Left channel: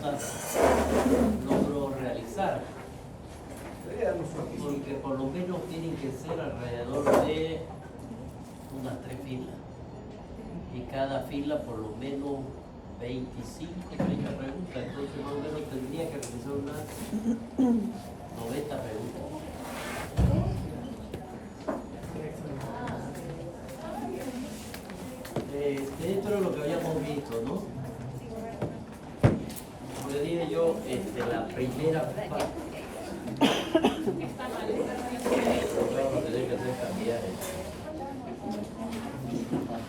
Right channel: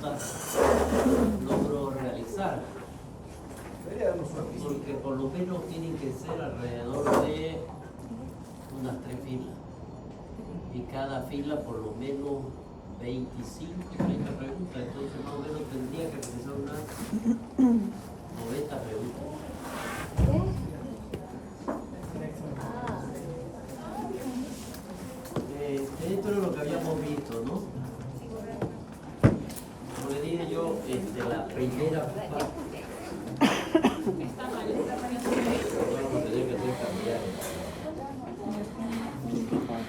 preguntas logro realizar. Porque por lo menos tienen que ser alrededor de unas 3 filas. Y cada fila por lo menos 25, 30 preguntas. Entonces más o menos tendría que realizar unas 90 preguntas. Dentro de lo que habíamos visto, ¿no? Como le dije yo, la primera parte. Vamos a tener que hacer cambiar el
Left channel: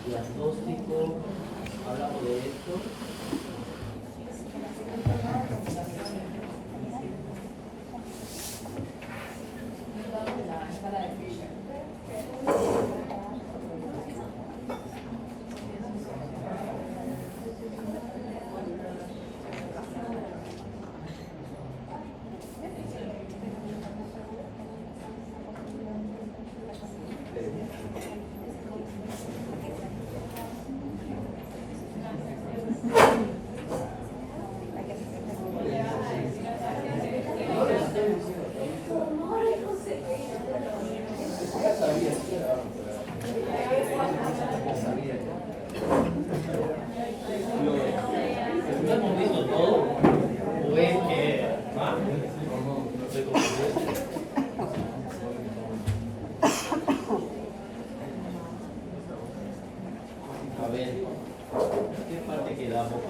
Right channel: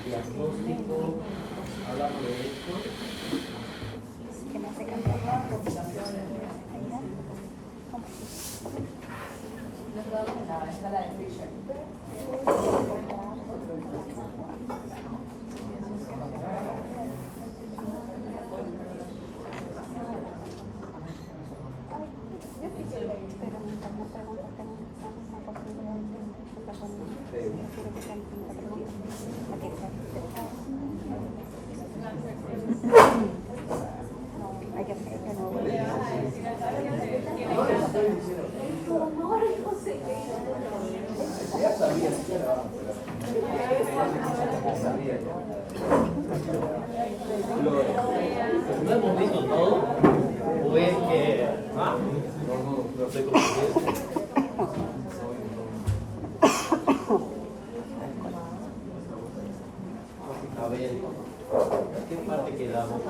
diagnóstico. Hablamos de esto. ¿Hemos visto todo? ¿O es que no sé cómo es? A ver, ¿qué parte quedamos?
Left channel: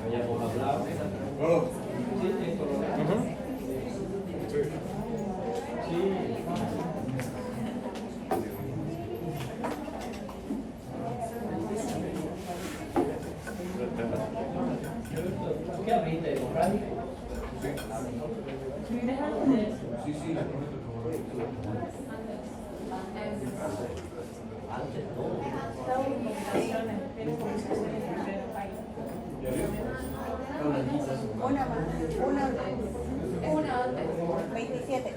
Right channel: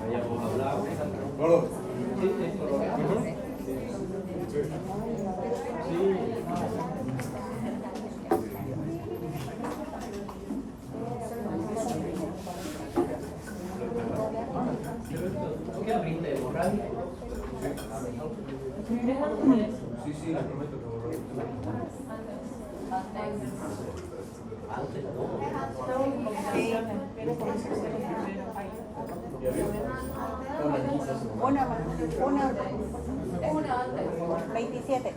Habíamos hablado. Sí, esto lo vemos. Sí. ¿Tú qué abriste de radio? Sí, sí. Antes Una antes. 27.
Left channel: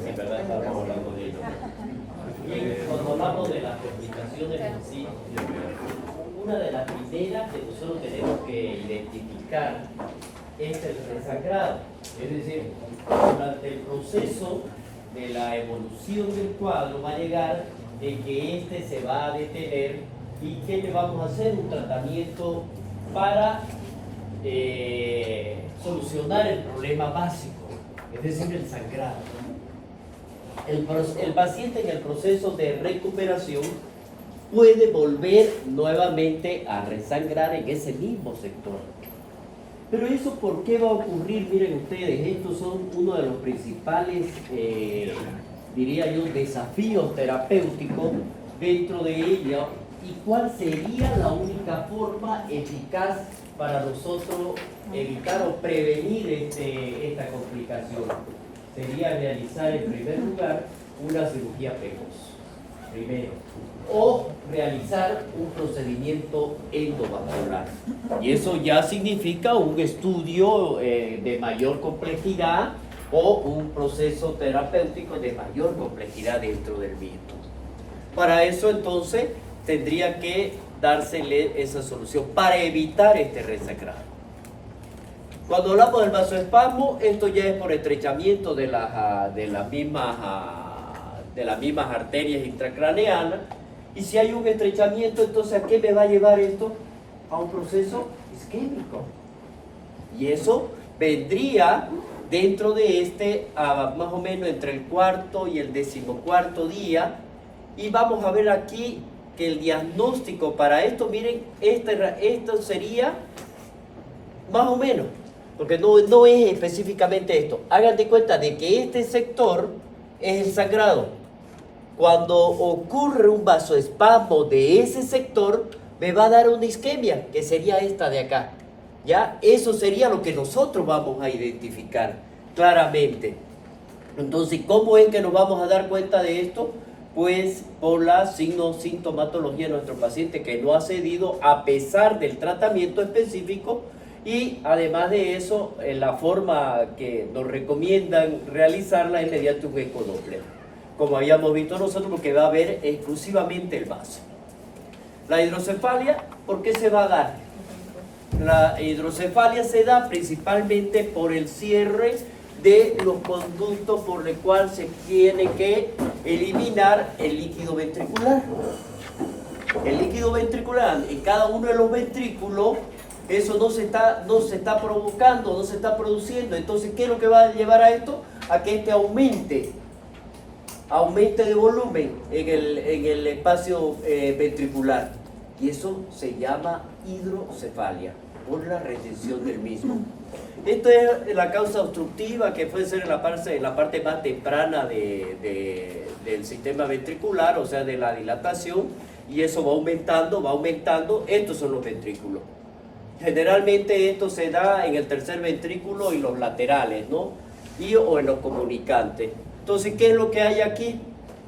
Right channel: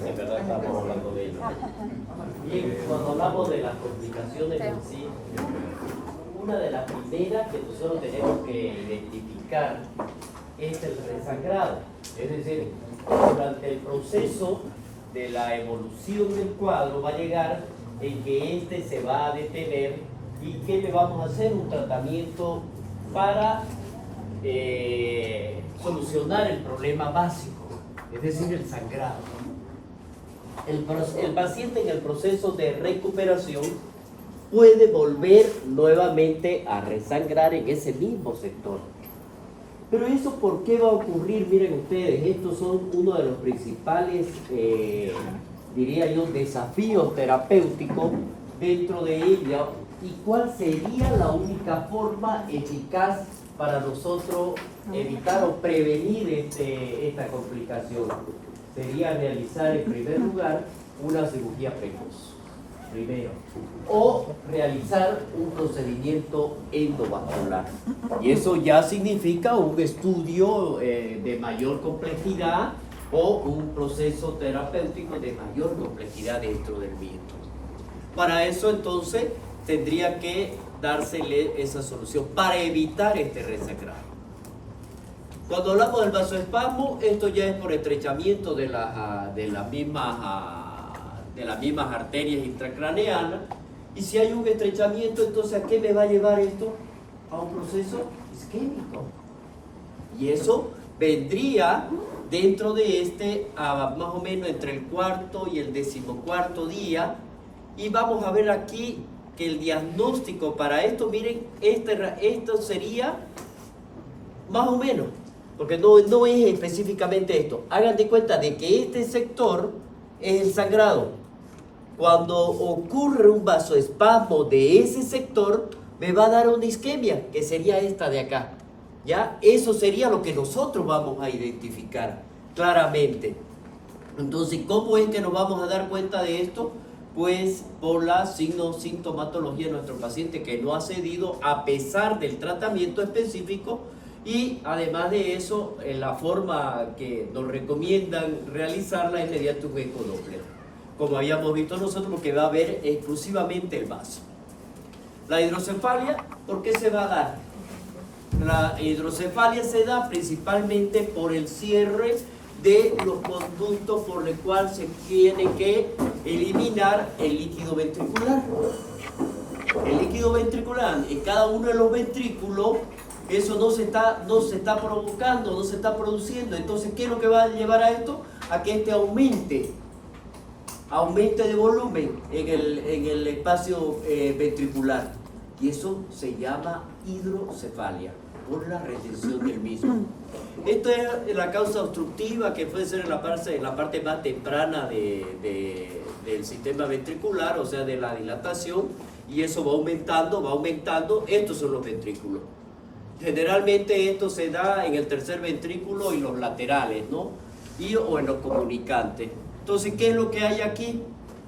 Sí, verdad, estamos hablando de ello. Bien, cuando hablamos de las complicaciones en sí, una de las primeras que nosotros tenemos que identificar es el resangrado. Es decir, durante el proceso de la evolución del cuadro va a llegar en que este se va a detener y ¿qué le vamos a hacer? Un tratamiento para solucionar el problema básico, es decir, el sangrado. El paciente en el proceso de recuperación puede volver nuevamente a resangrar en ese mismo sector. Pero eso, ¿por qué va a ocurrir? Miren ustedes, estos son uno de los principales, diría yo, desafíos terapéuticos dentro de ella. ¿Y cuál sería la única forma eficaz para nosotros evitar o prevenir esta complicación? Sería realizar en primer lugar una cirugía precoz, primero, o realizar un procedimiento endovascular. Y eso ya significa un estudio de mayor complejidad o un proceso terapéutico de mayor complejidad dentro del mismo. Para eso entonces tendría que dársele esa solución para evitar este resangrado. Cuando hablamos del vasoespasmo, esto ya es por estrechamiento de las mismas arterias intracraneanas. Y si hay un estrechamiento, entonces ¿a qué me va a llevar esto? A un proceso isquémico. Y eso vendría dentro de más o menos entre el 4º y el 14º día. Y vamos a ver aquí que el diagnóstico para esto, miren, esto sería más o menos, porque no es específicamente esto. Hagan de cuenta de que este sector es el sangrado. Cuando ocurre un vasoespasmo de ese sector, me va a dar una isquemia, que sería esta de acá. ¿Ya? Eso sería lo que nosotros vamos a identificar claramente. Entonces, ¿cómo es que nos vamos a dar cuenta de esto? pues por la sintomatología de nuestro paciente que no ha cedido a pesar del tratamiento específico, y además de eso, la forma que nos recomiendan realizarla es mediante un ecodoppler. Como habíamos visto nosotros, lo que va a ver exclusivamente el vaso. La hidrocefalia, ¿por qué se va a dar? La hidrocefalia se da principalmente por el cierre de los conductos por el cual se tiene que eliminar el líquido ventricular. El líquido ventricular en cada uno de los ventrículos, eso no se está provocando, no se está produciendo. Entonces, ¿qué es lo que va a llevar a esto? A que este aumente de volumen en el espacio ventricular. Y eso se llama hidrocefalia, por la retención del mismo. Esto es la causa obstructiva, que puede ser en la parte más temprana del sistema ventricular, o sea, de la dilatación, y eso va aumentando. Estos son los ventrículos. Generalmente esto se da en el tercer ventrículo y los laterales, ¿no? O en los comunicantes. Entonces, ¿qué es lo que hay aquí?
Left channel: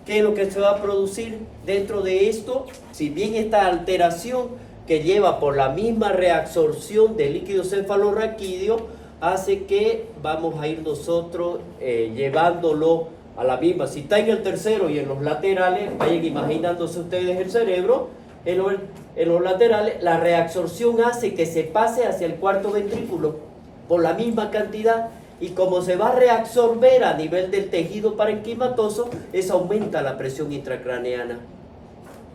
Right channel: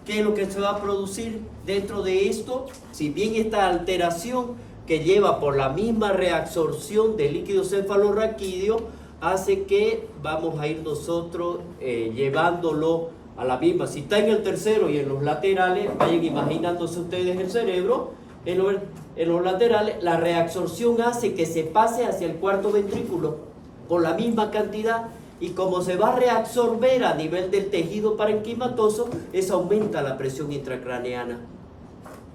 ¿Qué es lo que se va a producir dentro de esto? Si bien esta alteración que lleva por la misma reabsorción del líquido cefalorraquídeo hace que vamos a ir nosotros llevándolo a la misma. Si está en el tercero y en los laterales, vayan imaginándose ustedes el cerebro, en los laterales, la reabsorción hace que se pase hacia el cuarto ventrículo por la misma cantidad, y como se va a reabsorber a nivel del tejido parenquimatoso, eso aumenta la presión intracraneana.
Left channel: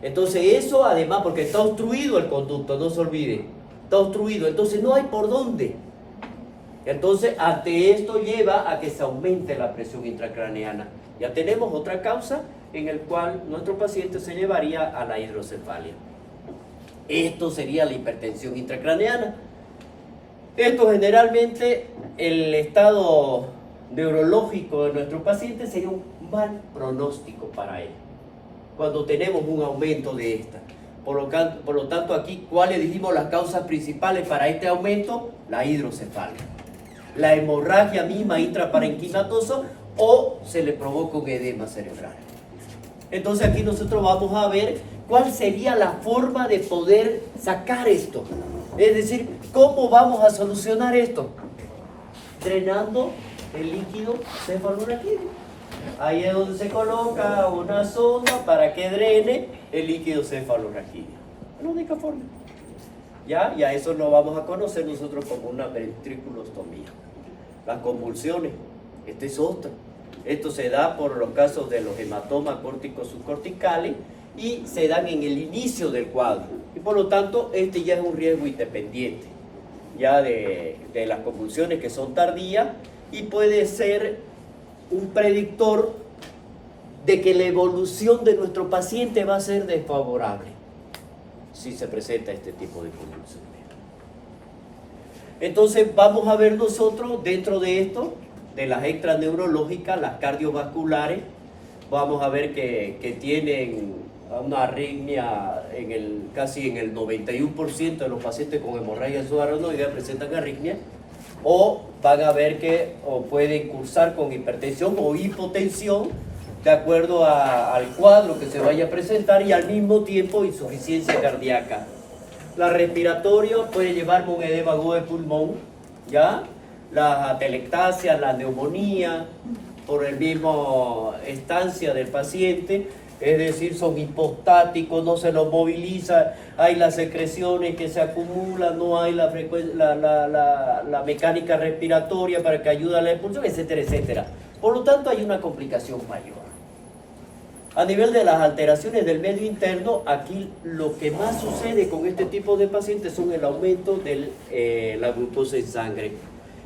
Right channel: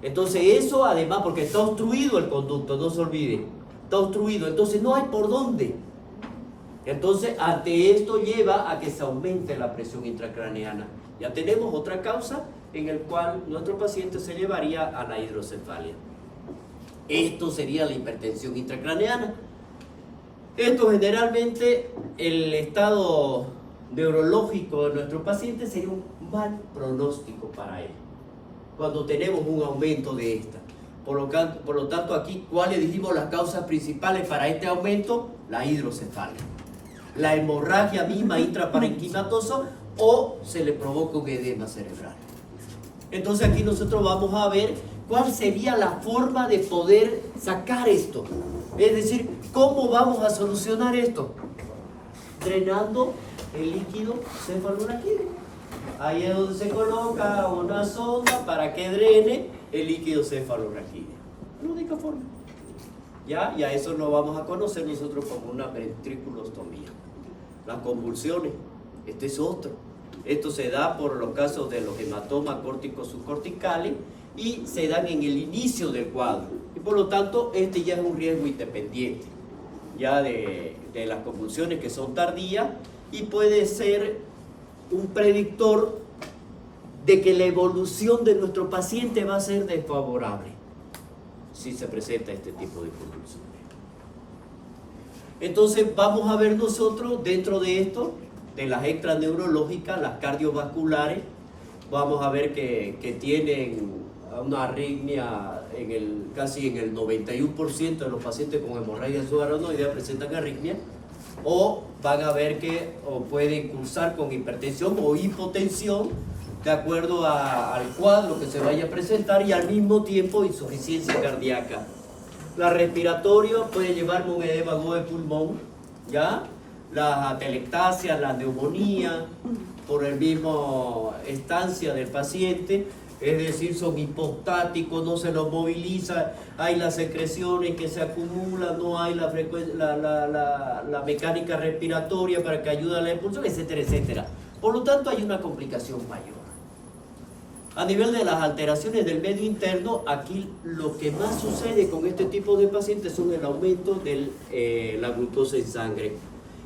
Entonces eso, además, porque está obstruido el conducto, no se olvide, está obstruido, entonces no hay por dónde. Entonces, ante esto lleva a que se aumente la presión intracraneana. Ya tenemos otra causa en el cual nuestro paciente se llevaría a la hidrocefalia. Esto sería la hipertensión intracraneana. Esto generalmente, el estado neurológico de nuestro paciente sería un mal pronóstico para él, cuando tenemos un aumento de esta. Por lo tanto, aquí, ¿cuáles dijimos las causas principales para este aumento? La hidrocefalia, la hemorragia misma intraparenquimatosa, o se le provoca un edema cerebral. Entonces aquí nosotros vamos a ver cuál sería la forma de poder sacar esto. Es decir, ¿cómo vamos a solucionar esto? Drenando el líquido cefalorraquídeo. Ahí es donde se coloca una sonda para que drene el líquido cefalorraquídeo. Es la única forma. ¿Ya? Y a eso lo vamos a conocer nosotros como una ventriculostomía. Las convulsiones, este es otro. Esto se da por los casos de los hematomas córticos subcorticales y se dan en el inicio del cuadro. Y por lo tanto, este ya es un riesgo independiente, ya de las convulsiones que son tardías, y puede ser un predictor de que la evolución de nuestro paciente va a ser desfavorable si se presenta este tipo de convulsiones. Entonces vamos a ver nosotros dentro de esto, de las extraneurológicas, las cardiovasculares, vamos a ver que tienen una arritmia casi en el 91% de los pacientes con hemorragia subarachnoidea presentan arritmia, o van a ver que pueden cursar con hipertensión o hipotensión de acuerdo al cuadro que se vaya a presentar, y al mismo tiempo insuficiencia cardíaca. La respiratoria puede llevarme un edema agudo de pulmón, ¿ya? Las atelectasias, la neumonía, por el mismo estancia del paciente, es decir, son hipostáticos, no se los moviliza, hay las secreciones que se acumulan, no hay la mecánica respiratoria para que ayude a la expulsión, etcétera, etcétera. Por lo tanto, hay una complicación mayor. A nivel de las alteraciones del medio interno, aquí lo que más sucede con este tipo de pacientes son el aumento de la glucosa en sangre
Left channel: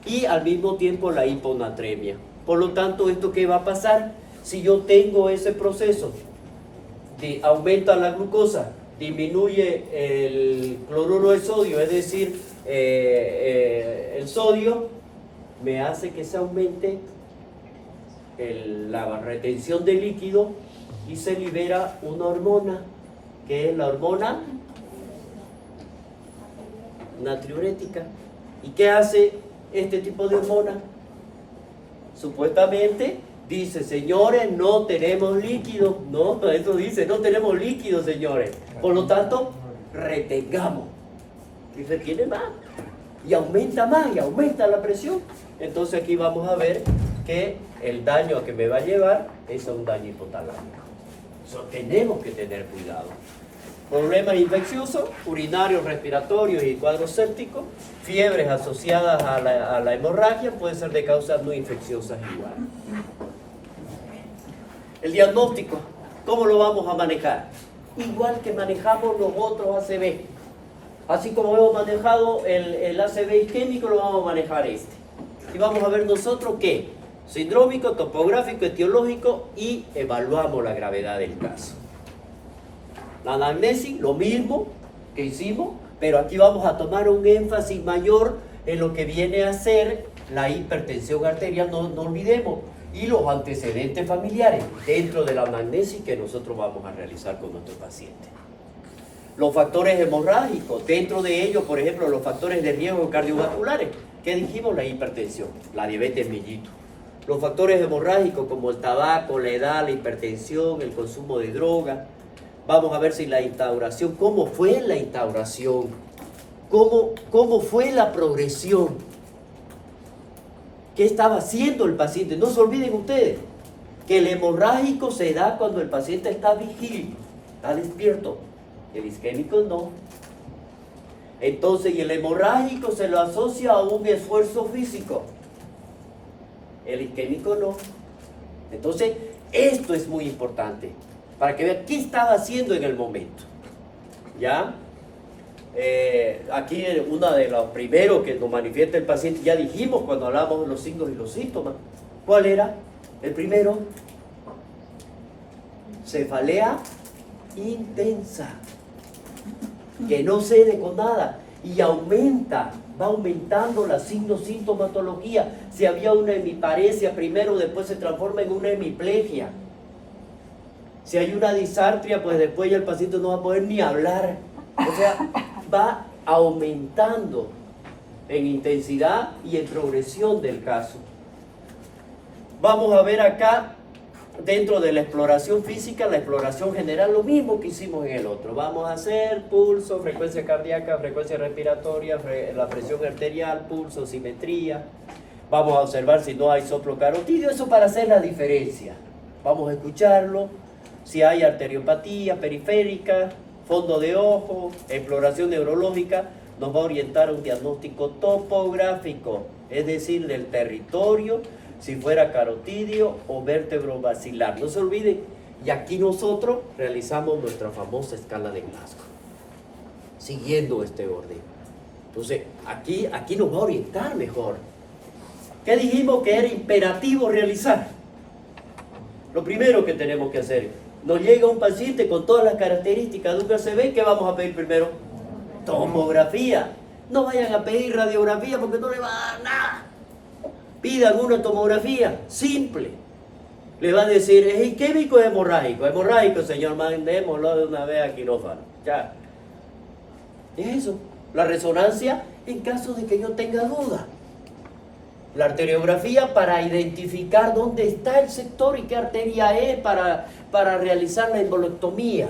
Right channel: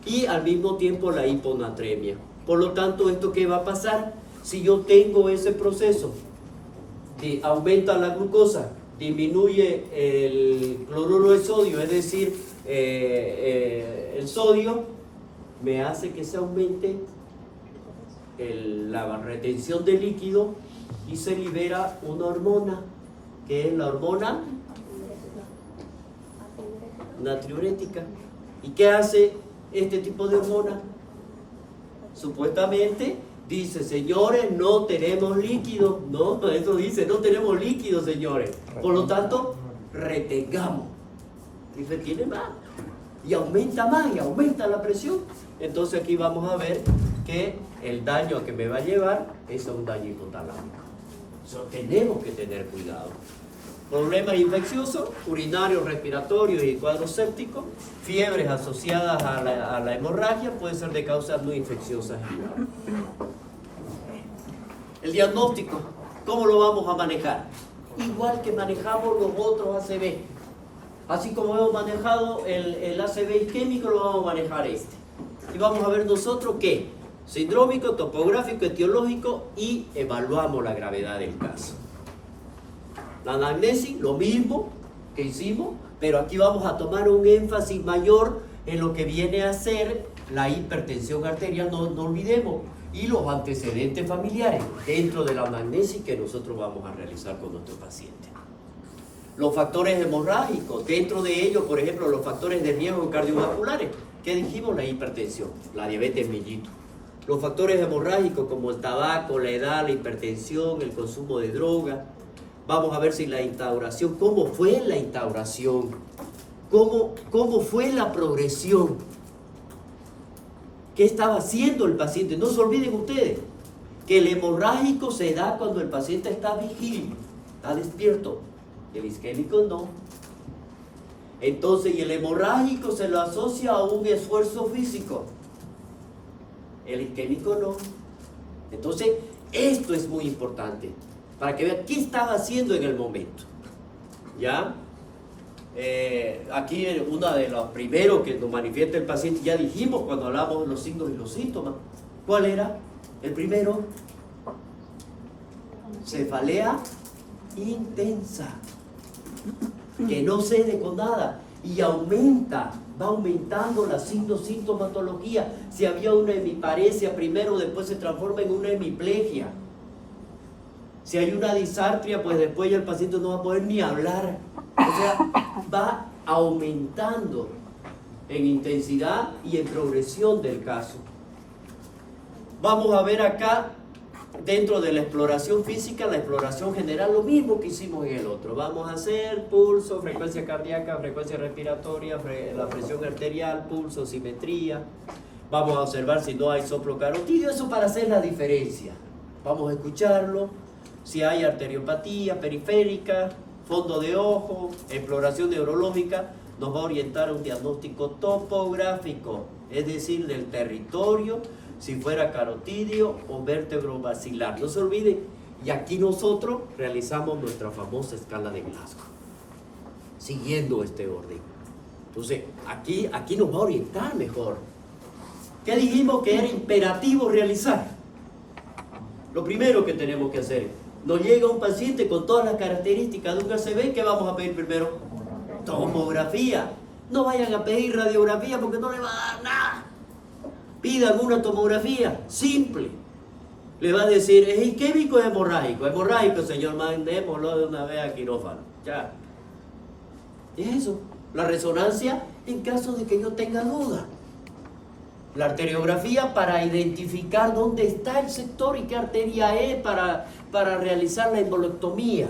y al mismo tiempo la hiponatremia. Por lo tanto, ¿esto qué va a pasar? Si yo tengo ese proceso de aumenta la glucosa, disminuye el cloruro de sodio, es decir, el sodio, me hace que se aumente la retención de líquido y se libera una hormona, que es la hormona natriurética. ¿Y qué hace este tipo de hormona? Supuestamente Dice, señores, no tenemos líquido. No, eso dice, no tenemos líquido, señores. Por lo tanto, retengamos. Y retiene más. Y aumenta más, y aumenta la presión. Entonces aquí vamos a ver que el daño que me va a llevar es a un daño hipotalámico. Eso tenemos que tener cuidado. Problemas infecciosos, urinarios, respiratorios y cuadros sépticos, fiebres asociadas a la hemorragia, pueden ser de causas no infecciosas igual. El diagnóstico, ¿cómo lo vamos a manejar? Igual que manejamos los otros ACV. Así como hemos manejado el ACV isquémico, lo vamos a manejar este. Y vamos a ver nosotros qué: sindrómico, topográfico, etiológico, y evaluamos la gravedad del caso. La anamnesis, lo mismo que hicimos, pero aquí vamos a tomar un énfasis mayor en lo que viene a ser la hipertensión arterial, no olvidemos, y los antecedentes familiares dentro de la anamnesis que nosotros vamos a realizar con nuestro paciente. Los factores hemorrágicos, dentro de ellos, por ejemplo, los factores de riesgo cardiovasculares. ¿Qué dijimos? La hipertensión, la diabetes mellitus. Los factores hemorrágicos como el tabaco, la edad, la hipertensión, el consumo de droga. Vamos a ver si la instauración, ¿cómo fue la instauración? ¿Cómo fue la progresión? ¿Qué estaba haciendo el paciente? No se olviden ustedes que el hemorrágico se da cuando el paciente está vigil, está despierto. El isquémico no. Entonces, y el hemorrágico se lo asocia a un esfuerzo físico. El isquémico no. Entonces, esto es muy importante para que vean qué estaba haciendo en el momento. ¿Ya? Aquí uno de los primeros que nos manifiesta el paciente, ya dijimos cuando hablamos de los signos y los síntomas. ¿Cuál era? El primero, cefalea intensa, que no cede con nada y aumenta, va aumentando la sintomatología. Si había una hemiparesia primero, después se transforma en una hemiplegia. Si hay una disartria, pues después ya el paciente no va a poder ni hablar. O sea, va aumentando en intensidad y en progresión del caso. Vamos a ver acá, dentro de la exploración física, la exploración general, lo mismo que hicimos en el otro. Vamos a hacer pulso, frecuencia cardíaca, frecuencia respiratoria, la presión arterial, pulso, simetría. Vamos a observar si no hay soplo carotidio, eso para hacer la diferencia. Vamos a escucharlo, si hay arteriopatía periférica, fondo de ojo, exploración neurológica, nos va a orientar a un diagnóstico topográfico, es decir, del territorio, si fuera carotidio o vértebro basilar. No se olviden, y aquí nosotros realizamos nuestra famosa escala de Glasgow, siguiendo este orden. Entonces, aquí nos va a orientar mejor. ¿Qué dijimos que era imperativo realizar? Lo primero que tenemos que hacer, nos llega un paciente con todas las características de un ACV, ¿qué vamos a pedir primero? Tomografía. No vayan a pedir radiografía porque no le va a dar nada. Pidan una tomografía simple. Le va a decir, ¿es isquémico o hemorrágico? Hemorrágico, señor, mandémoslo de una vez a quirófano. Ya. Es eso. La resonancia en caso de que yo tenga duda. La arteriografía para identificar dónde está el sector y qué arteria es para realizar la embolectomía.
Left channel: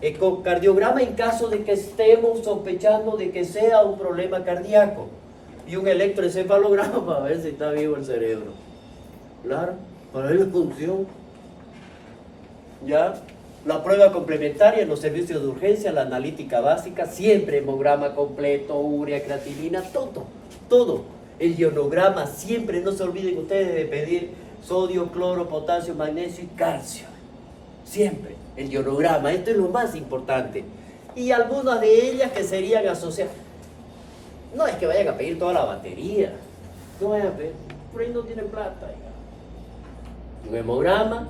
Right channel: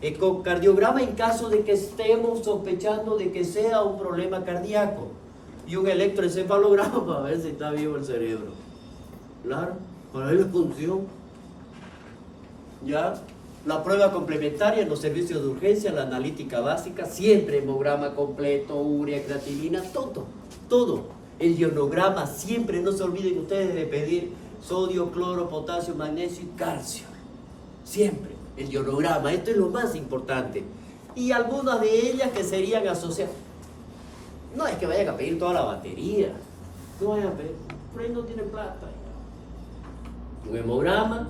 Ecocardiograma en caso de que estemos sospechando de que sea un problema cardíaco. Y un electroencefalograma para ver si está vivo el cerebro. Claro, para ver la función. ¿Ya? La prueba complementaria en los servicios de urgencia, la analítica básica, siempre hemograma completo, urea, creatinina, todo. El ionograma, siempre no se olviden ustedes de pedir sodio, cloro, potasio, magnesio y calcio. Siempre, el ionograma, esto es lo más importante. Y algunas de ellas que serían asociadas. No es que vayan a pedir toda la batería. No vayan a pedir, por ahí no tienen plata. Un hemograma,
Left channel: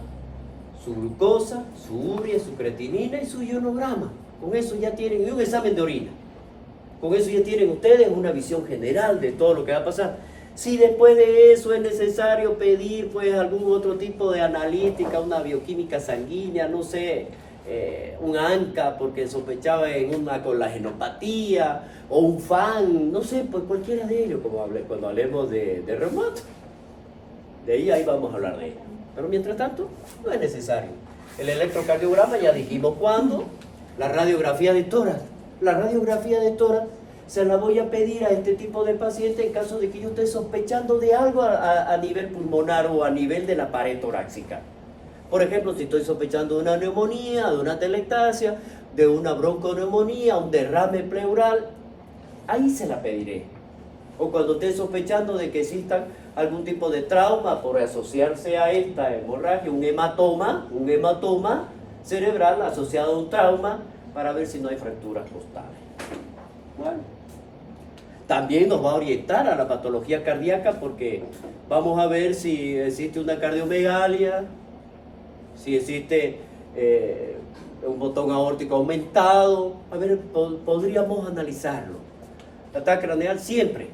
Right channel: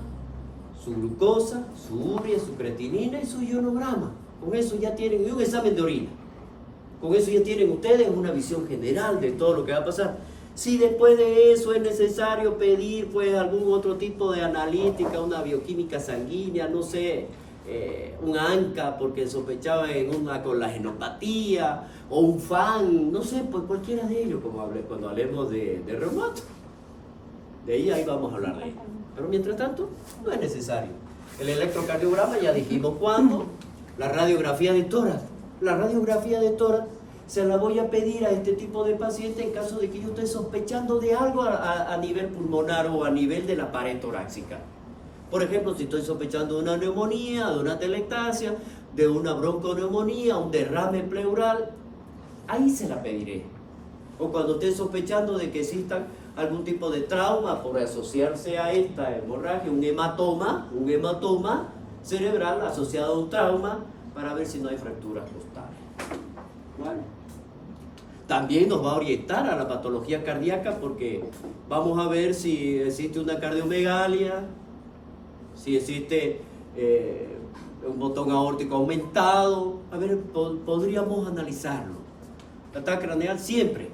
su glucosa, su urea, su creatinina y su ionograma. Con eso ya tienen, y un examen de orina. Con eso ya tienen ustedes una visión general de todo lo que va a pasar. Si después de eso es necesario pedir pues algún otro tipo de analítica, una bioquímica sanguínea, no sé, un ANCA porque sospechaba en una colagenopatía, o un FAN, no sé, pues cualquiera de ellos, como cuando hablemos de reumato. De ahí vamos a hablar de ello. Pero mientras tanto, no es necesario. El electrocardiograma ya dijimos cuándo. La radiografía de tórax. La radiografía de tórax se la voy a pedir a este tipo de paciente en caso de que yo esté sospechando de algo a nivel pulmonar o a nivel de la pared torácica. Por ejemplo, si estoy sospechando de una neumonía, de una telectasia, de una bronconeumonía, un derrame pleural, ahí se la pediré. O cuando esté sospechando de que exista algún tipo de trauma por asociarse a esta hemorragia, un hematoma cerebral asociado a un trauma, para ver si no hay fracturas costales. Bueno. También nos va a orientar a la patología cardíaca porque vamos a ver si existe una cardiomegalia, si existe un botón aórtico aumentado. A ver, podríamos analizarlo. El ataque craneal siempre,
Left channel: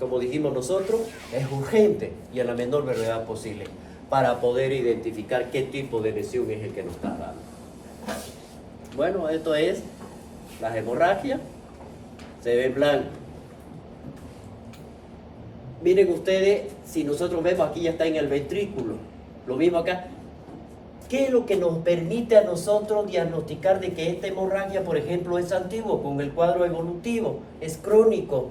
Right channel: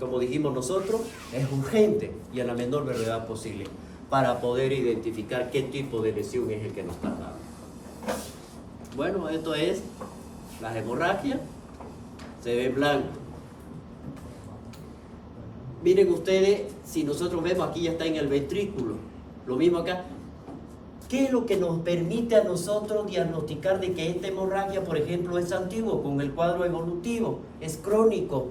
como dijimos nosotros, es urgente y a la menor brevedad posible para poder identificar qué tipo de lesión es el que nos está dando. Bueno, esto es las hemorragias. Se ve blanco. Miren ustedes, si nosotros vemos aquí ya está en el ventrículo, lo mismo acá. ¿Qué es lo que nos permite a nosotros diagnosticar de que esta hemorragia, por ejemplo, es antiguo, con el cuadro evolutivo, es crónico?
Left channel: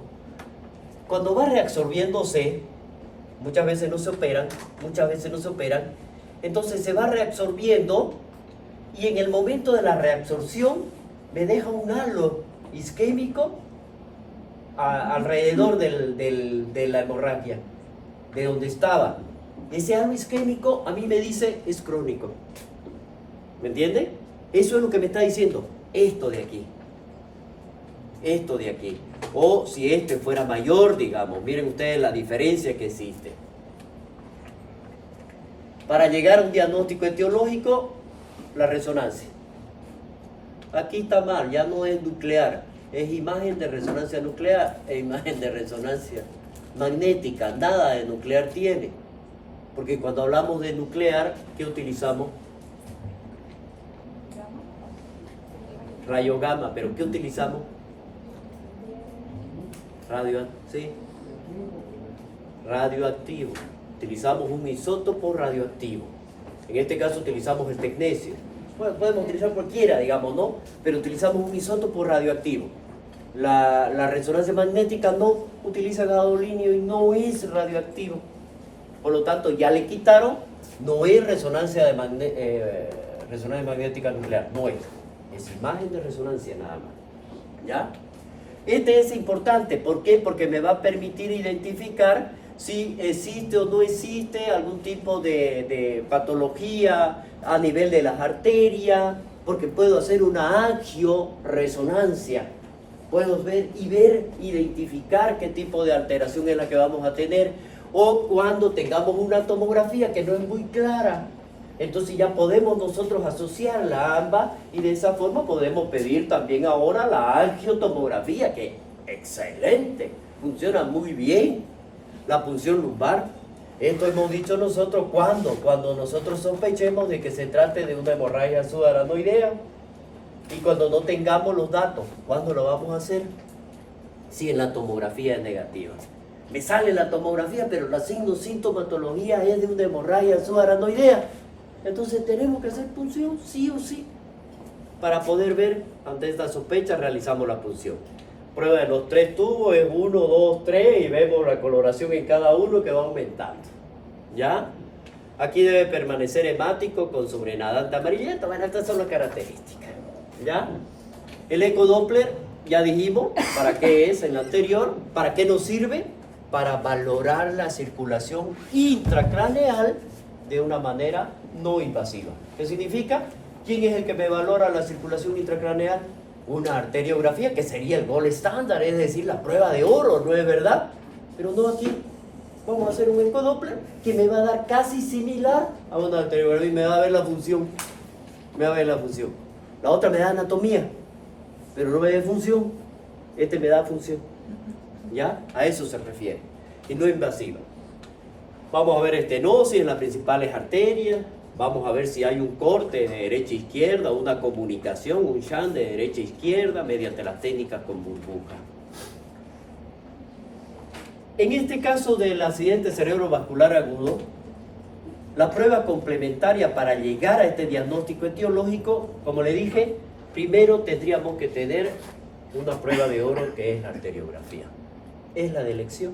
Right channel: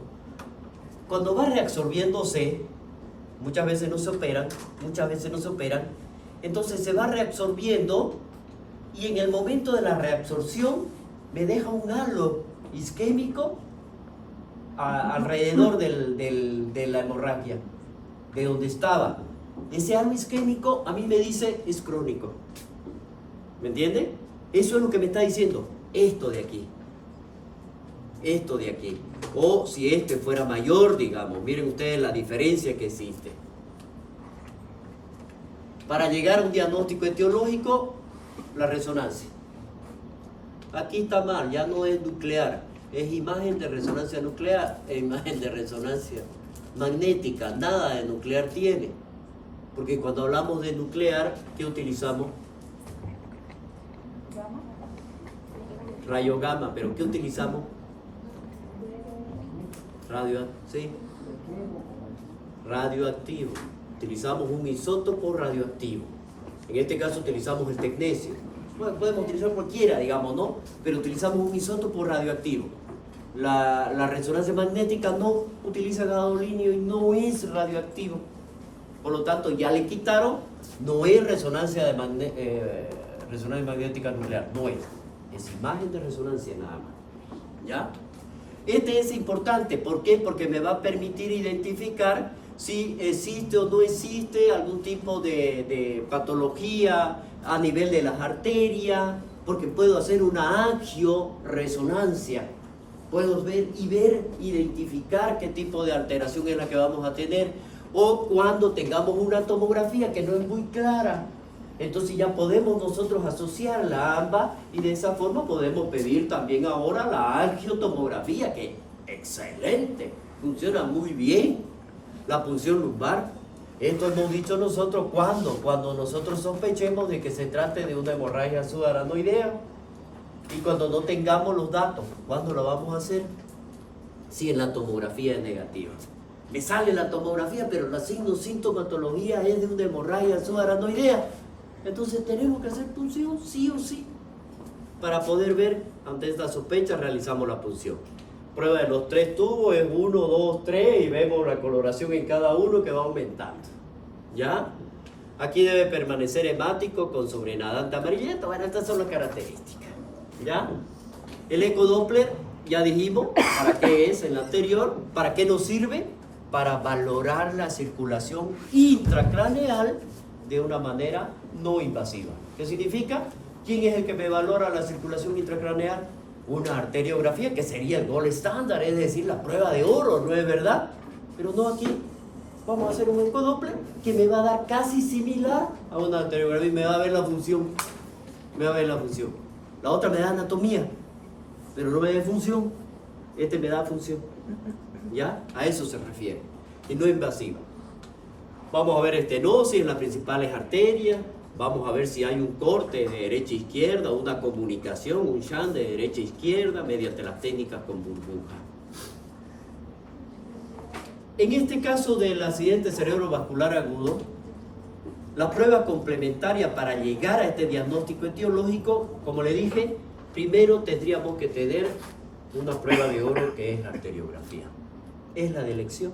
Cuando va reabsorbiéndose, muchas veces no se operan, entonces se va reabsorbiendo y en el momento de la reabsorción me deja un halo isquémico alrededor de la hemorragia, de donde estaba. Ese halo isquémico a mí me dice es crónico. ¿Me entienden? Eso es lo que me está diciendo. Esto de aquí. O si este fuera mayor, digamos. Miren ustedes la diferencia que existe. Para llegar a un diagnóstico etiológico, la resonancia. Aquí está mal, ya no es nuclear. Es imagen de resonancia nuclear e imagen de resonancia magnética. Nada de nuclear tiene. Porque cuando hablamos de nuclear, ¿qué utilizamos? Rayo gamma. ¿Pero qué utilizamos? Radioactivo. Utilizamos un isótopo radioactivo. En este caso utilizamos el tecnecio. Bueno, podemos utilizar cualquiera, digamos, ¿no? Pero utilizamos un isótopo radioactivo. La resonancia magnética no utiliza gadolinio y no es radioactivo. Por lo tanto, ya le quitaron, no es resonancia magnética nuclear, no es. Es imagen de resonancia nada más. ¿Ya? Este es importante, ¿por qué? Porque me va a permitir identificar si existe o no existe algún tipo de patología a nivel de las arterias, porque puedo hacer una angioresonancia. Puedo identificar qué tipo de alteración es la que vamos a tener, o cuando tengamos una tomografía que no es muy clara, entonces ya podemos nosotros asociarla a ambas y de esa forma podemos pedir también ahora la angiotomografía, que excelente, funciona muy bien, la punción lumbar. Esto hemos dicho nosotros cuando nosotros sospechemos de que se trate de una hemorragia subaranoidea. Y cuando no tengamos los datos, ¿cuándo lo vamos a hacer? Si en la tomografía es negativa. Me sale la tomografía, pero la sintomatología es de una hemorragia subaranoidea. Entonces tenemos que hacer punción, sí o sí. Para poder ver, ante esta sospecha, realizamos la punción. Prueba de los 3 tubos es 1, 2, 3 y vemos la coloración en cada uno que va aumentando. ¿Ya? Aquí debe permanecer hemático con sobrenadante amarillento. Bueno, estas son las características. ¿Ya? El ecodoppler, ya dijimos, ¿para qué es en la anterior? ¿Para qué nos sirve? Para valorar la circulación intracraneal de una manera no invasiva. ¿Qué significa? ¿Quién es el que me valora la circulación intracraneal? Una arteriografía, que sería el gold estándar, es decir, la prueba de oro, ¿no es verdad? Pero no aquí. Vamos a hacer un ecodoppler que me va a dar casi similar a una arteriografía y me va a ver la función. La otra me da anatomía, pero no me da función. Este me da función. ¿Ya? A eso se refiere. Y no invasiva. Vamos a ver estenosis en las principales arterias. Vamos a ver si hay un corte de derecha a izquierda, una comunicación, un shunt de derecha a izquierda mediante las técnicas con burbuja. En este caso del accidente cerebrovascular agudo, La prueba complementaria para llegar a este diagnóstico etiológico, como le dije, primero tendríamos que tener una prueba de oro que es la arteriografía. Es la de elección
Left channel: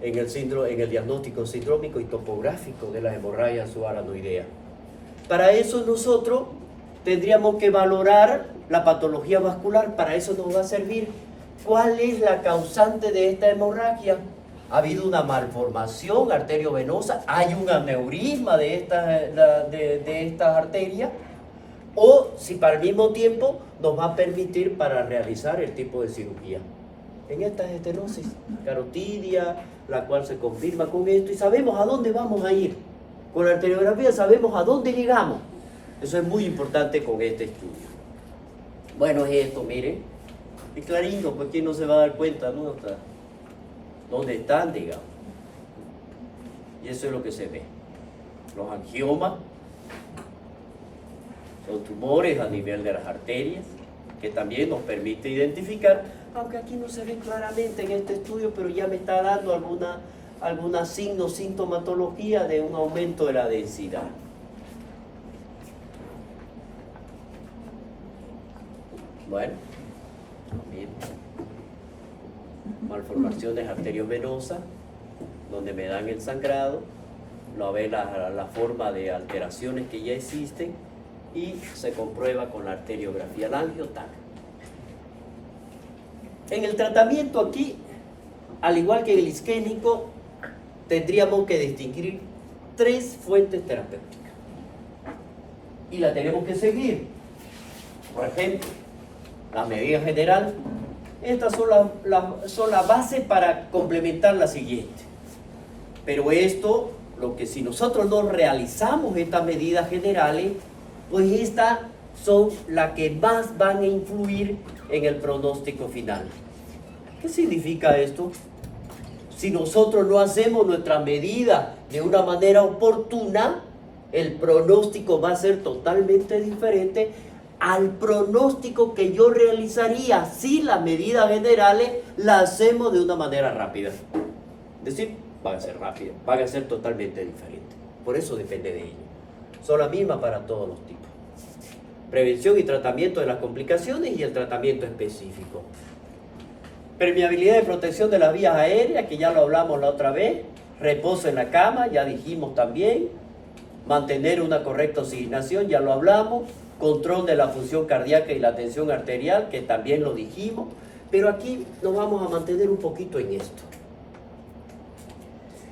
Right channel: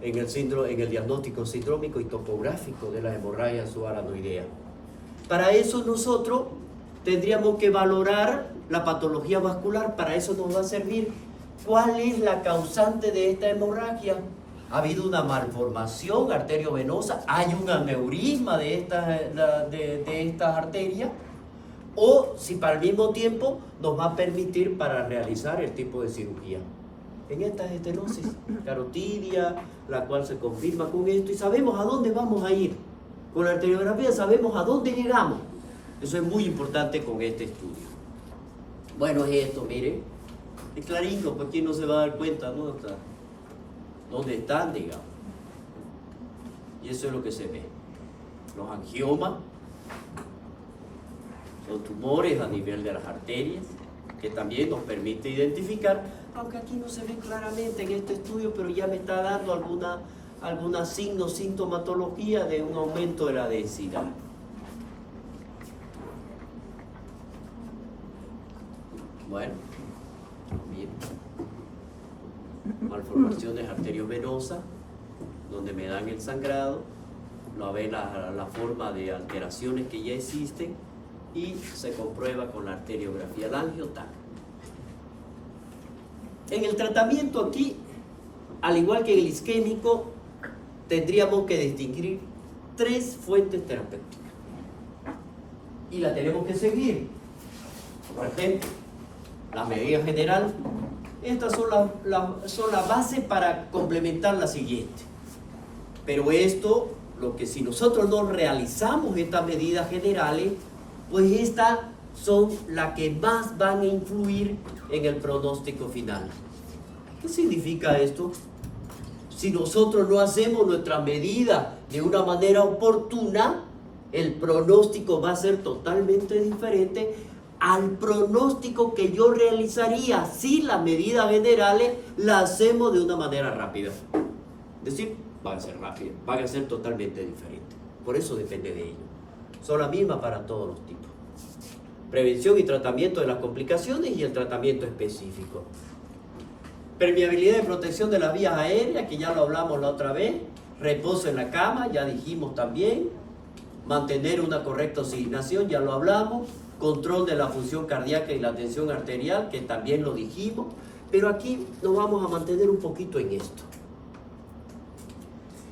en el diagnóstico sindrómico y topográfico de la hemorragia subaranoidea. Para eso nosotros tendríamos que valorar la patología vascular. Para eso nos va a servir cuál es la causante de esta hemorragia. ¿Ha habido una malformación arteriovenosa? ¿Hay un aneurisma de estas arterias? O si para el mismo tiempo nos va a permitir para realizar el tipo de cirugía. En esta estenosis carotidia, la cual se confirma con esto, y sabemos a dónde vamos a ir. Con la arteriografía sabemos a dónde llegamos. Eso es muy importante con este estudio. Bueno, es esto, miren. Es clarito, pues quién no se va a dar cuenta, ¿no? ¿Dónde están, digamos? Y eso es lo que se ve. Los angiomas son tumores a nivel de las arterias, que también nos permite identificar, aunque aquí no se ve claramente en este estudio, pero ya me está dando alguna sintomatología de un aumento de la densidad. Bueno, miren. Malformaciones arteriovenosas, donde me dan el sangrado, lo ve la forma de alteraciones que ya existen y se comprueba con la arteriografía, la angiotag. En el tratamiento aquí, al igual que el isquémico, tendríamos que distinguir 3 fuentes terapéuticas y la tenemos que seguir. Por ejemplo, la medida general. Estas son la base para complementar la siguiente. Pero esto, lo que si nosotros no realizamos estas medidas generales, pues estas son las que más van a influir en el pronóstico final. ¿Qué significa esto? Si nosotros no hacemos nuestras medidas de una manera oportuna, el pronóstico va a ser totalmente diferente al pronóstico que yo realizaría si las medidas generales las hacemos de una manera rápida. Es decir, van a ser rápidas, van a ser totalmente diferentes. Por eso depende de ello. Son las mismas para todos los tipos. Prevención y tratamiento de las complicaciones y el tratamiento específico. Permeabilidad y protección de las vías aéreas, que ya lo hablamos la otra vez. Reposo en la cama, ya dijimos también. Mantener una correcta oxigenación, ya lo hablamos. Control de la función cardíaca y la tensión arterial, que también lo dijimos, pero aquí nos vamos a mantener un poquito en esto.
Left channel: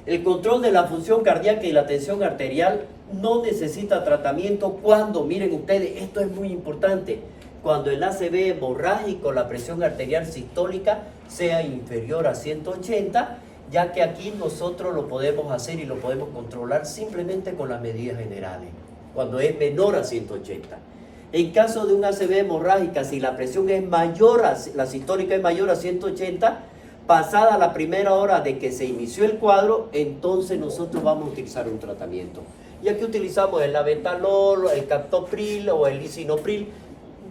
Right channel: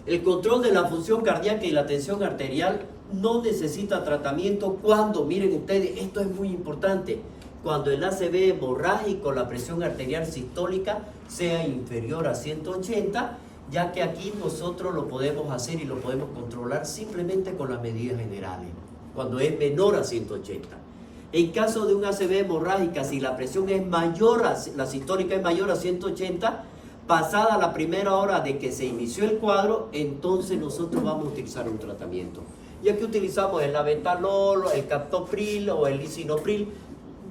El control de la función cardíaca y la tensión arterial no necesita tratamiento cuando, miren ustedes, esto es muy importante, cuando el ACV hemorrágico, la presión arterial sistólica, sea inferior a 180, ya que aquí nosotros lo podemos hacer y lo podemos controlar simplemente con las medidas generales, cuando es menor a 180. En caso de una ACV hemorrágica, si la presión es mayor, la sistólica es mayor a 180, pasada la primera hora de que se inició el cuadro, entonces nosotros vamos a utilizar un tratamiento. Y aquí utilizamos el labetalol, el captopril o el lisinopril.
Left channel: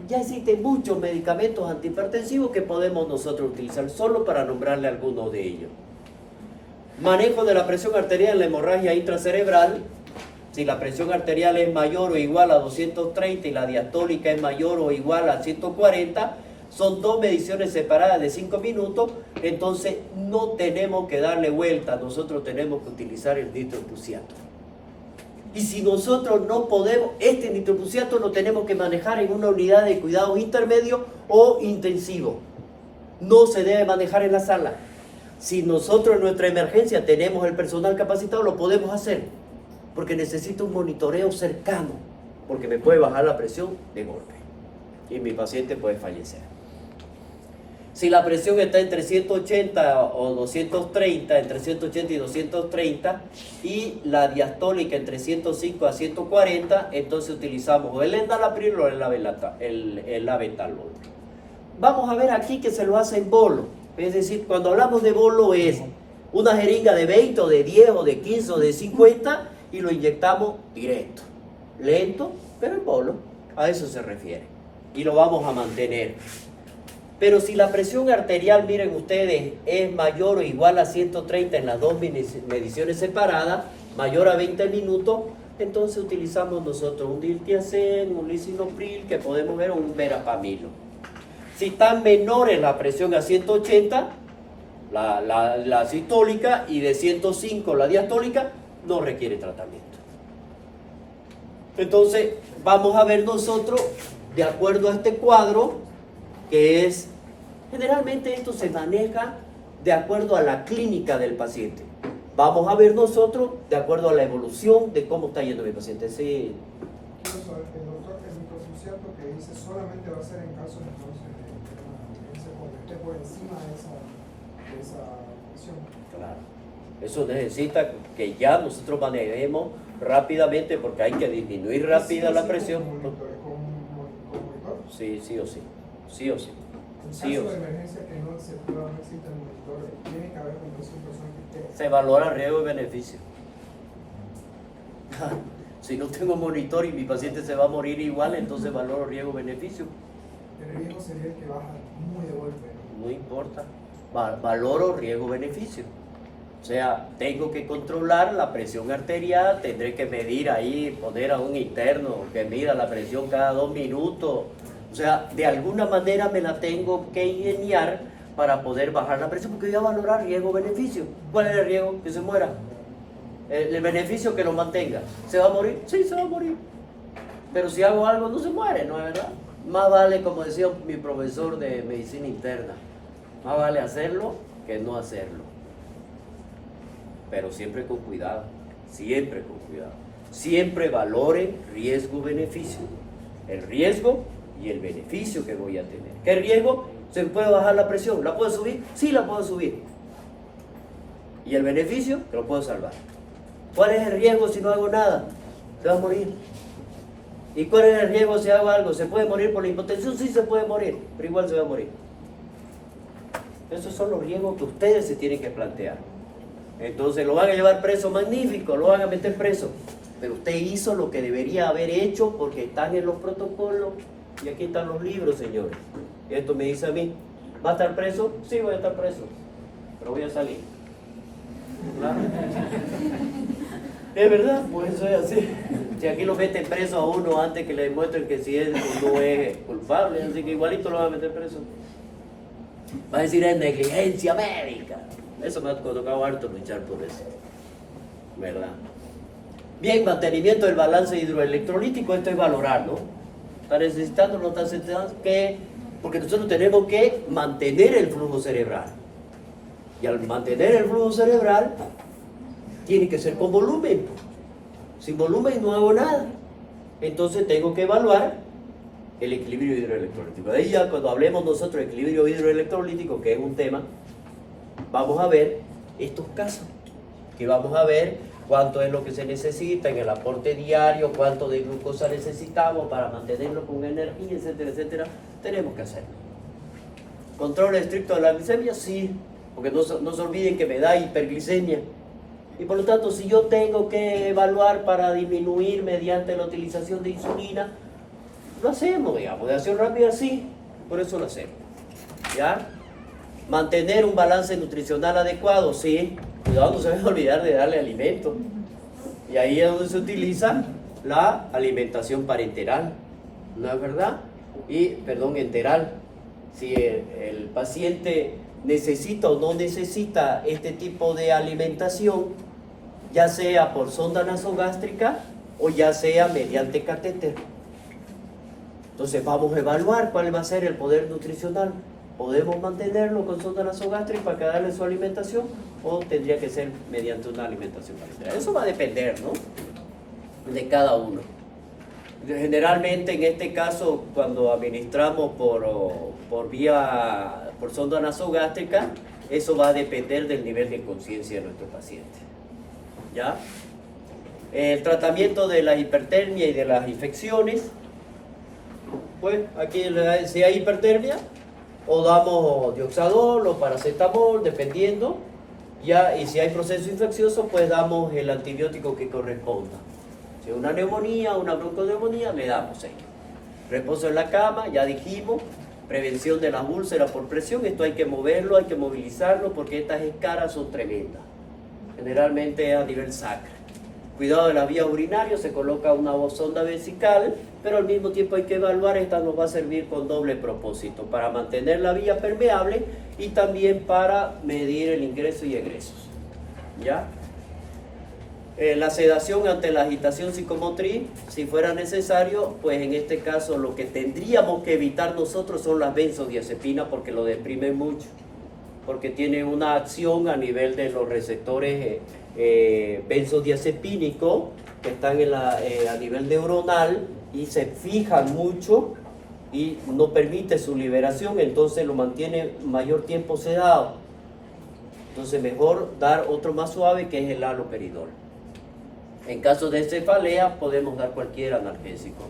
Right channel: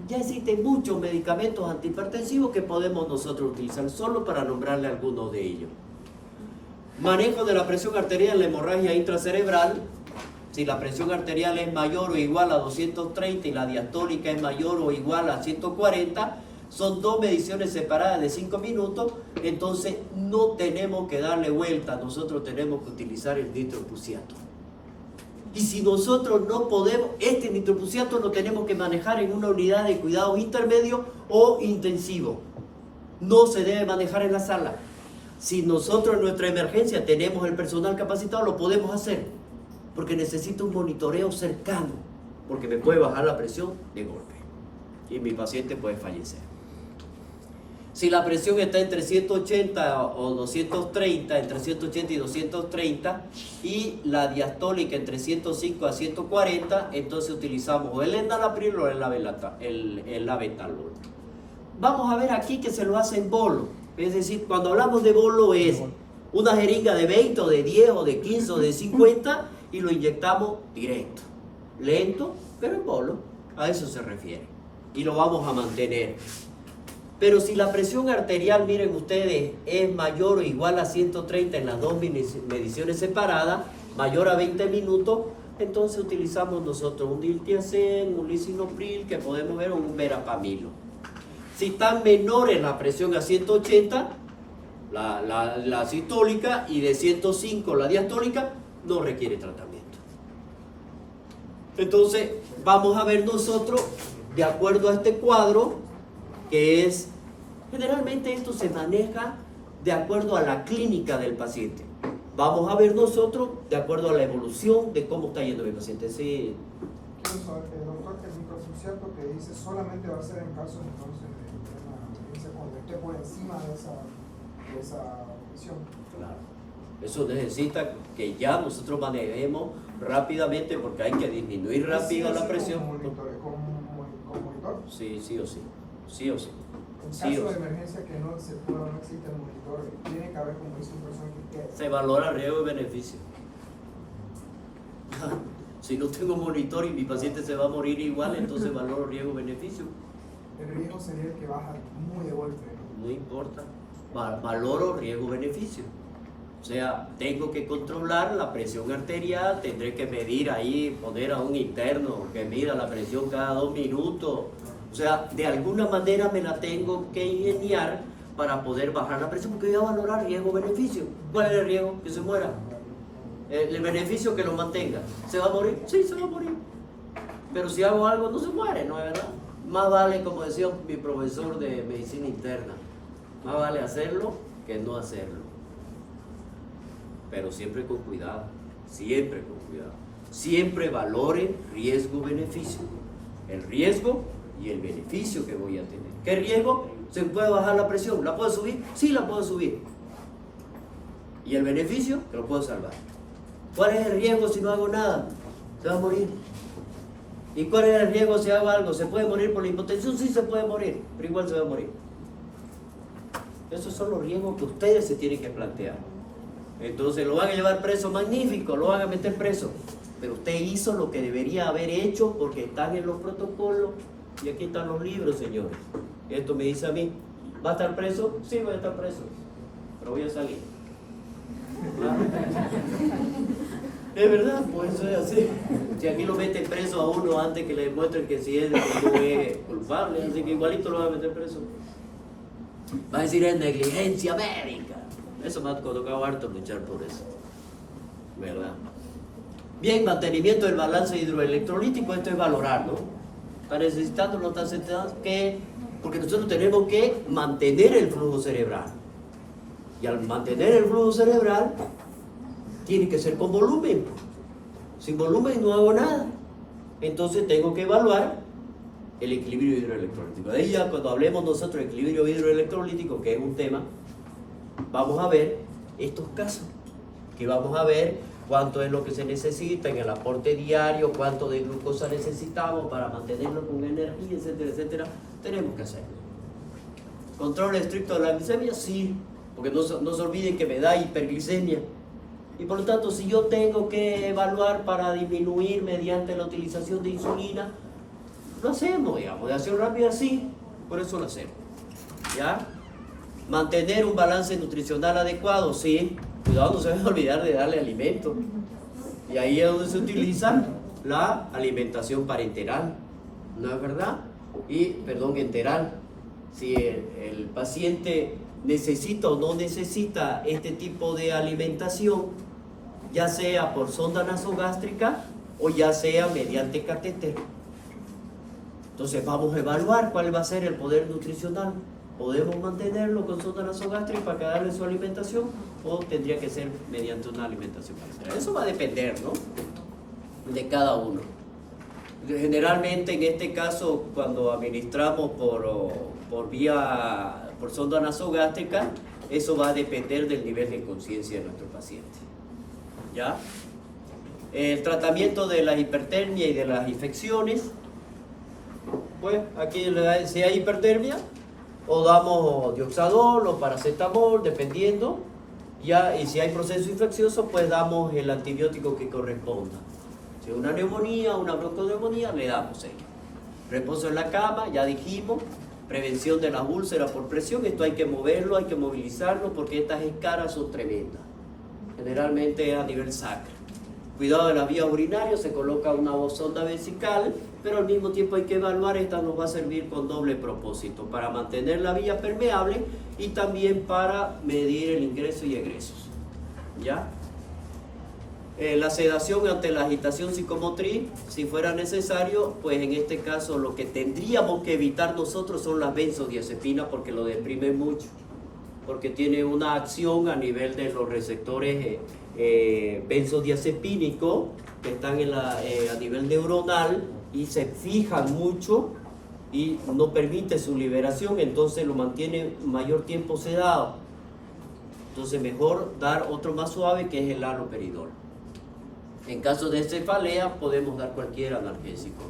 Ya existen muchos medicamentos antihipertensivos que podemos nosotros utilizar, solo para nombrarle algunos de ellos. Manejo de la presión arterial en la hemorragia intracerebral. Si la presión arterial es mayor o igual a 230 y la diastólica es mayor o igual a 140, son 2 mediciones separadas de 5 minutos, entonces no tenemos que darle vuelta, nosotros tenemos que utilizar el nitroprusiato. Y si nosotros no podemos, este nitroprusiato lo tenemos que manejar en una unidad de cuidados intermedios o intensivos. No se debe manejar en la sala. Si nosotros en nuestra emergencia tenemos el personal capacitado, lo podemos hacer. Porque necesito un monitoreo cercano, porque me puede bajar la presión de golpe y mi paciente puede fallecer. Si la presión está entre 180 o 230, entre 180 y 230, y la diastólica entre 105 a 140, entonces utilizamos o el enalapril o el labetalol. Vamos a ver aquí que se lo hace en bolo, es decir, cuando hablamos de bolo es una jeringa de 20 o de 10 o de 15 o de 50 y lo inyectamos directo, lento, pero en bolo, a eso se refiere, y lo vamos a mantener. Pero si la presión arterial, miren ustedes, es mayor o igual a 130 en las 2 mediciones separadas, mayor a 20 minutos, entonces utilizamos nosotros un diltiazem, un lisinopril, que podemos ver, o un verapamilo. Si están menores la presión a 180, la sistólica, y de 105 la diastólica, no requiere tratamiento. Entonces, vamos a ver nosotros, de acuerdo a este cuadro, que es, generalmente esto se maneja de acuerdo a la clínica del paciente. Vamos a ver nosotros de acuerdo a la evolución de cómo está yendo mi paciente. Sí. Incluso el doctor, el microsuciato que dice solamente va a ser en caso entonces de esté por encima de esa presión. Claro. Eso necesita que ya nosotros manejemos rápidamente, porque hay que disminuir rápido la presión. ¿Con monitor? Sí, sí o sí. Sí o sí. En Sí caso o de sí. emergencia que no existe el monitor, tiene que haber incluso un personal que esté. Se valora riesgo y beneficio. Si no tengo monitor y mi paciente se va a morir igual, entonces valoro riesgo y beneficio. El riesgo sería el que baja muy de golpe, ¿no? No importa. Valoro riesgo-beneficio. O sea, tengo que controlar la presión arterial, tendré que medir ahí, poner a un interno que mida la presión cada 2 minutos. O sea, de alguna manera me la tengo que ingeniar para poder bajar la presión, porque voy a valorar riesgo-beneficio. ¿Cuál es el riesgo? Que se muera. El beneficio, que lo mantenga. ¿Se va a morir? Sí, se va a morir. Pero si hago algo, no se muere, ¿no es verdad? Más vale, como decía mi profesor de medicina interna, más vale hacerlo que no hacerlo. Pero siempre con cuidado, siempre con cuidado. Siempre valore riesgo-beneficio. El riesgo y el beneficio que voy a tener. ¿Qué riesgo? ¿Se puede bajar la presión? ¿La puedo subir? Sí, la puedo subir. ¿Y el beneficio? Que lo puedo salvar. ¿Cuál es el riesgo si no hago nada? Se va a morir. ¿Y cuál es el riesgo si hago algo? ¿Se puede morir por la hipotensión? Sí, se puede morir, pero igual se va a morir. Esos son los riesgos que ustedes se tienen que plantear. Entonces, lo van a llevar preso, magnífico, lo van a meter preso. Pero usted hizo lo que debería haber hecho, porque están en los protocolos y aquí están los libros, señores. Esto me dice a mí, ¿va a estar preso? Sí, voy a estar preso, pero voy a salir. ¿Claro? Es verdad, por eso es así. Si aquí lo meten preso a uno antes que le demuestren que si es o no es culpable, así que igualito lo van a meter preso. Va a decir, es negligencia médica. Eso me ha tocado harto luchar por eso, ¿verdad? Bien, mantenimiento del balance hidroelectrolítico, esto es valorar, ¿no? ¿Está necesitando o no está necesitando? ¿Qué? Porque nosotros tenemos que mantener el flujo cerebral. Y al mantener el flujo cerebral, tiene que ser con volumen. Sin volumen no hago nada. Entonces tengo que evaluar el equilibrio hidroelectrolítico. De ahí ya cuando hablemos nosotros de equilibrio hidroelectrolítico, que es un tema, vamos a ver estos casos, que vamos a ver cuánto es lo que se necesita en el aporte diario, cuánto de glucosa necesitamos para mantenerlo con energía, etcétera, etcétera. Tenemos que hacerlo. ¿Control estricto de la glicemia? Sí, porque no se olviden que me da hiperglicemia. Y por lo tanto, si yo tengo que evaluar para disminuir mediante la utilización de insulina, lo hacemos, digamos, de acción rápida sí, por eso lo hacemos. ¿Ya? Mantener un balance nutricional adecuado, sí. Cuidado, no se debe olvidar de darle alimento. Y ahí es donde se utiliza la alimentación parenteral, ¿no es verdad? Enteral. Si el paciente necesita o no necesita este tipo de alimentación, ya sea por sonda nasogástrica o ya sea mediante catéter. Entonces vamos a evaluar cuál va a ser el poder nutricional. ¿Podemos mantenerlo con sonda nasogástrica para darle su alimentación o tendría que ser mediante una alimentación parenteral? Eso va a depender, ¿no?, de cada uno. Generalmente en este caso, cuando administramos por sonda nasogástrica, eso va a depender del nivel de conciencia de nuestro paciente. ¿Ya? El tratamiento de la hipertermia y de las infecciones, pues aquí si hay hipertermia, o damos dioxadol o paracetamol, dependiendo, ya, y si hay proceso infeccioso, pues damos el antibiótico que corresponda. Si es una neumonía, una bronconeumonía, le damos ahí. Reposo en la cama, ya dijimos. Prevención de las úlceras por presión, esto hay que moverlo, hay que movilizarlo, porque estas escaras son tremendas. Generalmente es a nivel sacro. Cuidado de las vías urinarias, se coloca una sonda vesical, pero al mismo tiempo hay que evaluar, esta nos va a servir con doble propósito, para mantener la vía permeable y también para medir el ingreso y egresos. ¿Ya? La sedación ante la agitación psicomotriz, si fuera necesario, pues en este caso lo que tendríamos que evitar nosotros son las benzodiazepinas porque lo deprimen mucho, porque tiene una acción a nivel de los receptores benzodiazepínicos que están a nivel neuronal y se fijan mucho y no permite su liberación, entonces lo mantiene mayor tiempo sedado. Entonces mejor dar otro más suave que es el haloperidol. En caso de cefalea podemos dar cualquier analgésico.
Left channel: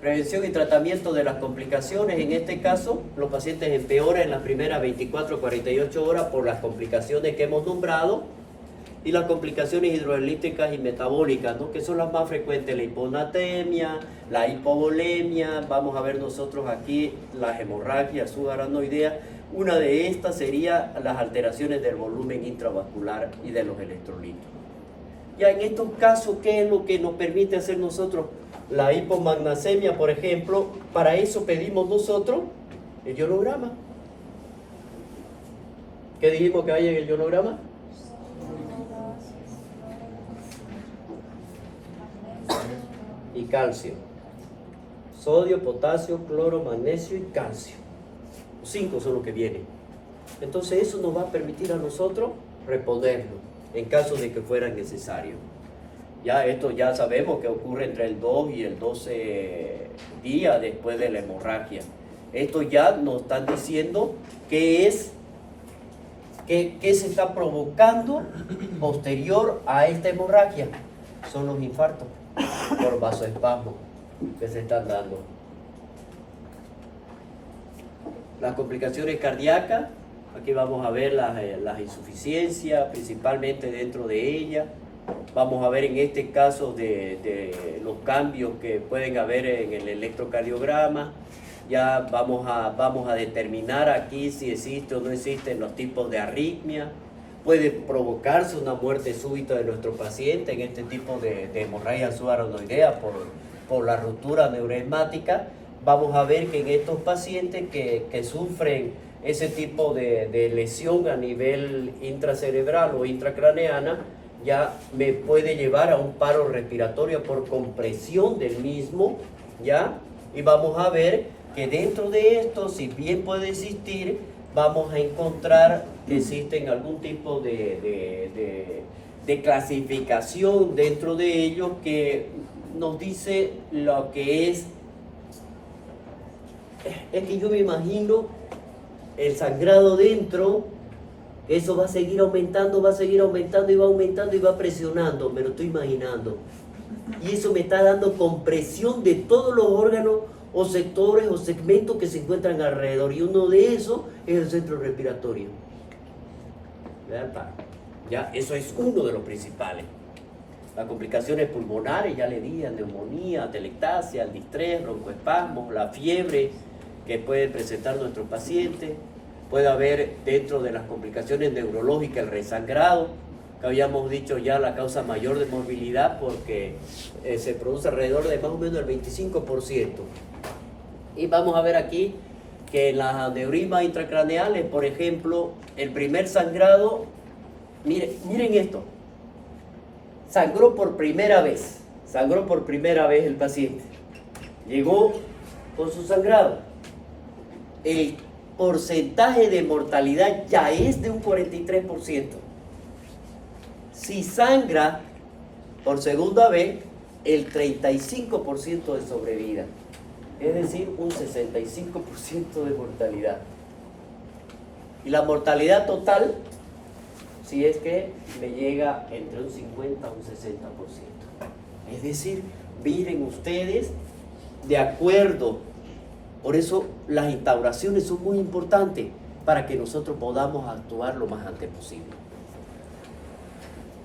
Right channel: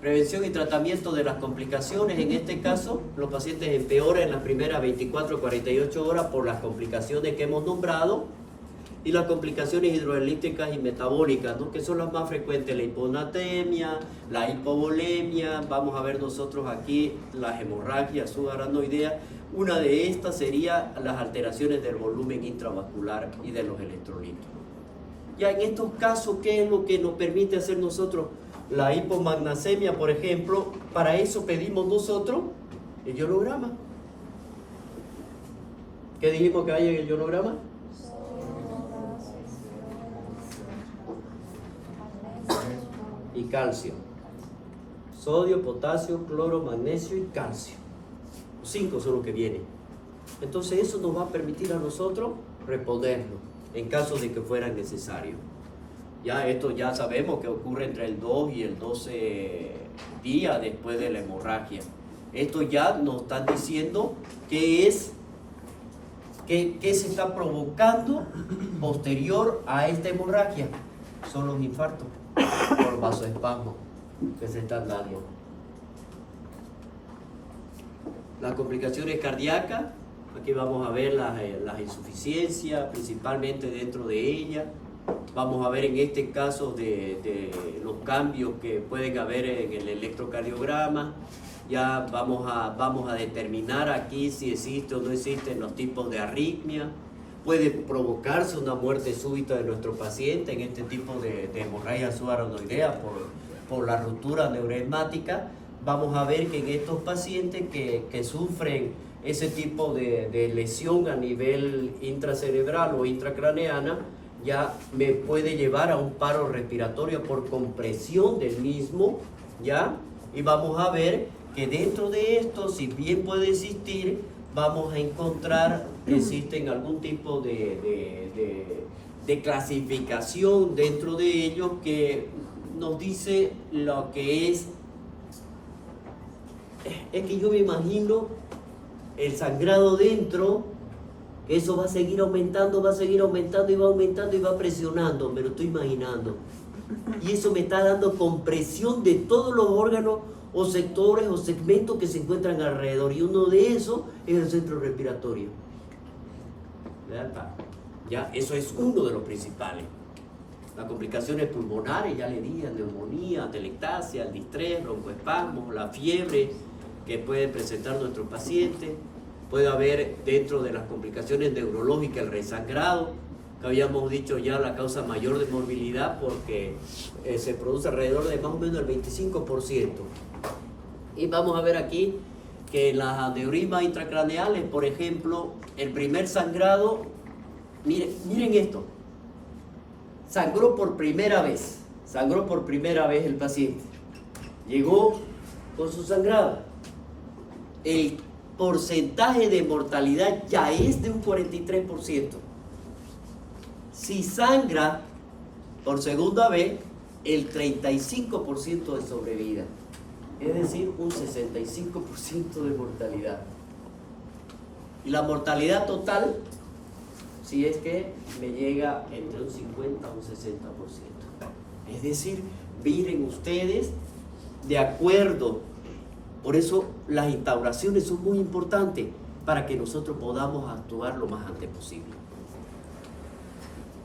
Prevención y tratamiento de las complicaciones. En este caso, los pacientes empeoran en las primeras 24 o 48 horas por las complicaciones que hemos nombrado y las complicaciones hidroelípticas y metabólicas, ¿no? Que son las más frecuentes, la hiponatremia, la hipovolemia. Vamos a ver nosotros aquí las hemorragias subarachnoideas. Una de estas sería las alteraciones del volumen intravascular y de los electrolitos. Ya en estos casos, ¿qué es lo que nos permite hacer nosotros? La hipomagnesemia, por ejemplo, para eso pedimos nosotros el ionograma. ¿Qué dijimos que hay en el ionograma? Y calcio. Sodio, potasio, cloro, magnesio y calcio. Los 5 son los que vienen. Entonces eso nos va a permitir a nosotros reponerlo en caso de que fuera necesario. Ya esto ya sabemos que ocurre entre el 2 y el 12 días después de la hemorragia. Esto ya nos están diciendo qué se está provocando posterior a esta hemorragia. Son los infartos por vasoespasmo que se están dando. Las complicaciones cardíacas, aquí vamos a ver las insuficiencias, principalmente dentro de ellas. Vamos a ver en este caso de los cambios que pueden haber en el electrocardiograma. Ya vamos a determinar aquí si existe o no existen los tipos de arritmia. Puede provocarse una muerte súbita de nuestro paciente en este tipo de hemorragia subarachnoidea por la ruptura neuroesmática. Vamos a ver que en estos pacientes que sufren ese tipo de lesión a nivel intracerebral o intracraneana, ya me puede llevar a un paro respiratorio por compresión del mismo, ¿ya? Y vamos a ver que dentro de esto, si bien puede existir, vamos a encontrar que existen algún tipo de clasificación dentro de ellos que nos dice lo que es que yo me imagino el sangrado dentro, eso va a seguir aumentando y va aumentando y va presionando, me lo estoy imaginando. Y eso me está dando compresión de todos los órganos o sectores o segmentos que se encuentran alrededor. Y uno de esos es el centro respiratorio. Ya, eso es uno de los principales. Las complicaciones pulmonares, ya le dije, neumonía, atelectasia, el distrés, broncoespasmos, la fiebre que pueden presentar nuestros pacientes. Puede haber dentro de las complicaciones neurológicas el resangrado, que habíamos dicho ya la causa mayor de morbilidad porque se produce alrededor de más o menos el 25%. Y vamos a ver aquí que en las aneurismas intracraneales, por ejemplo, el primer sangrado, miren esto, sangró por primera vez el paciente, llegó con su sangrado, el porcentaje de mortalidad ya es de un 43%. Si sangra por segunda vez, el 35% de sobrevida, es decir, un 65% de mortalidad. Y la mortalidad total, si es que me llega entre un 50 a un 60%. Es decir, miren ustedes, de acuerdo. Por eso las instauraciones son muy importantes para que nosotros podamos actuar lo más antes posible.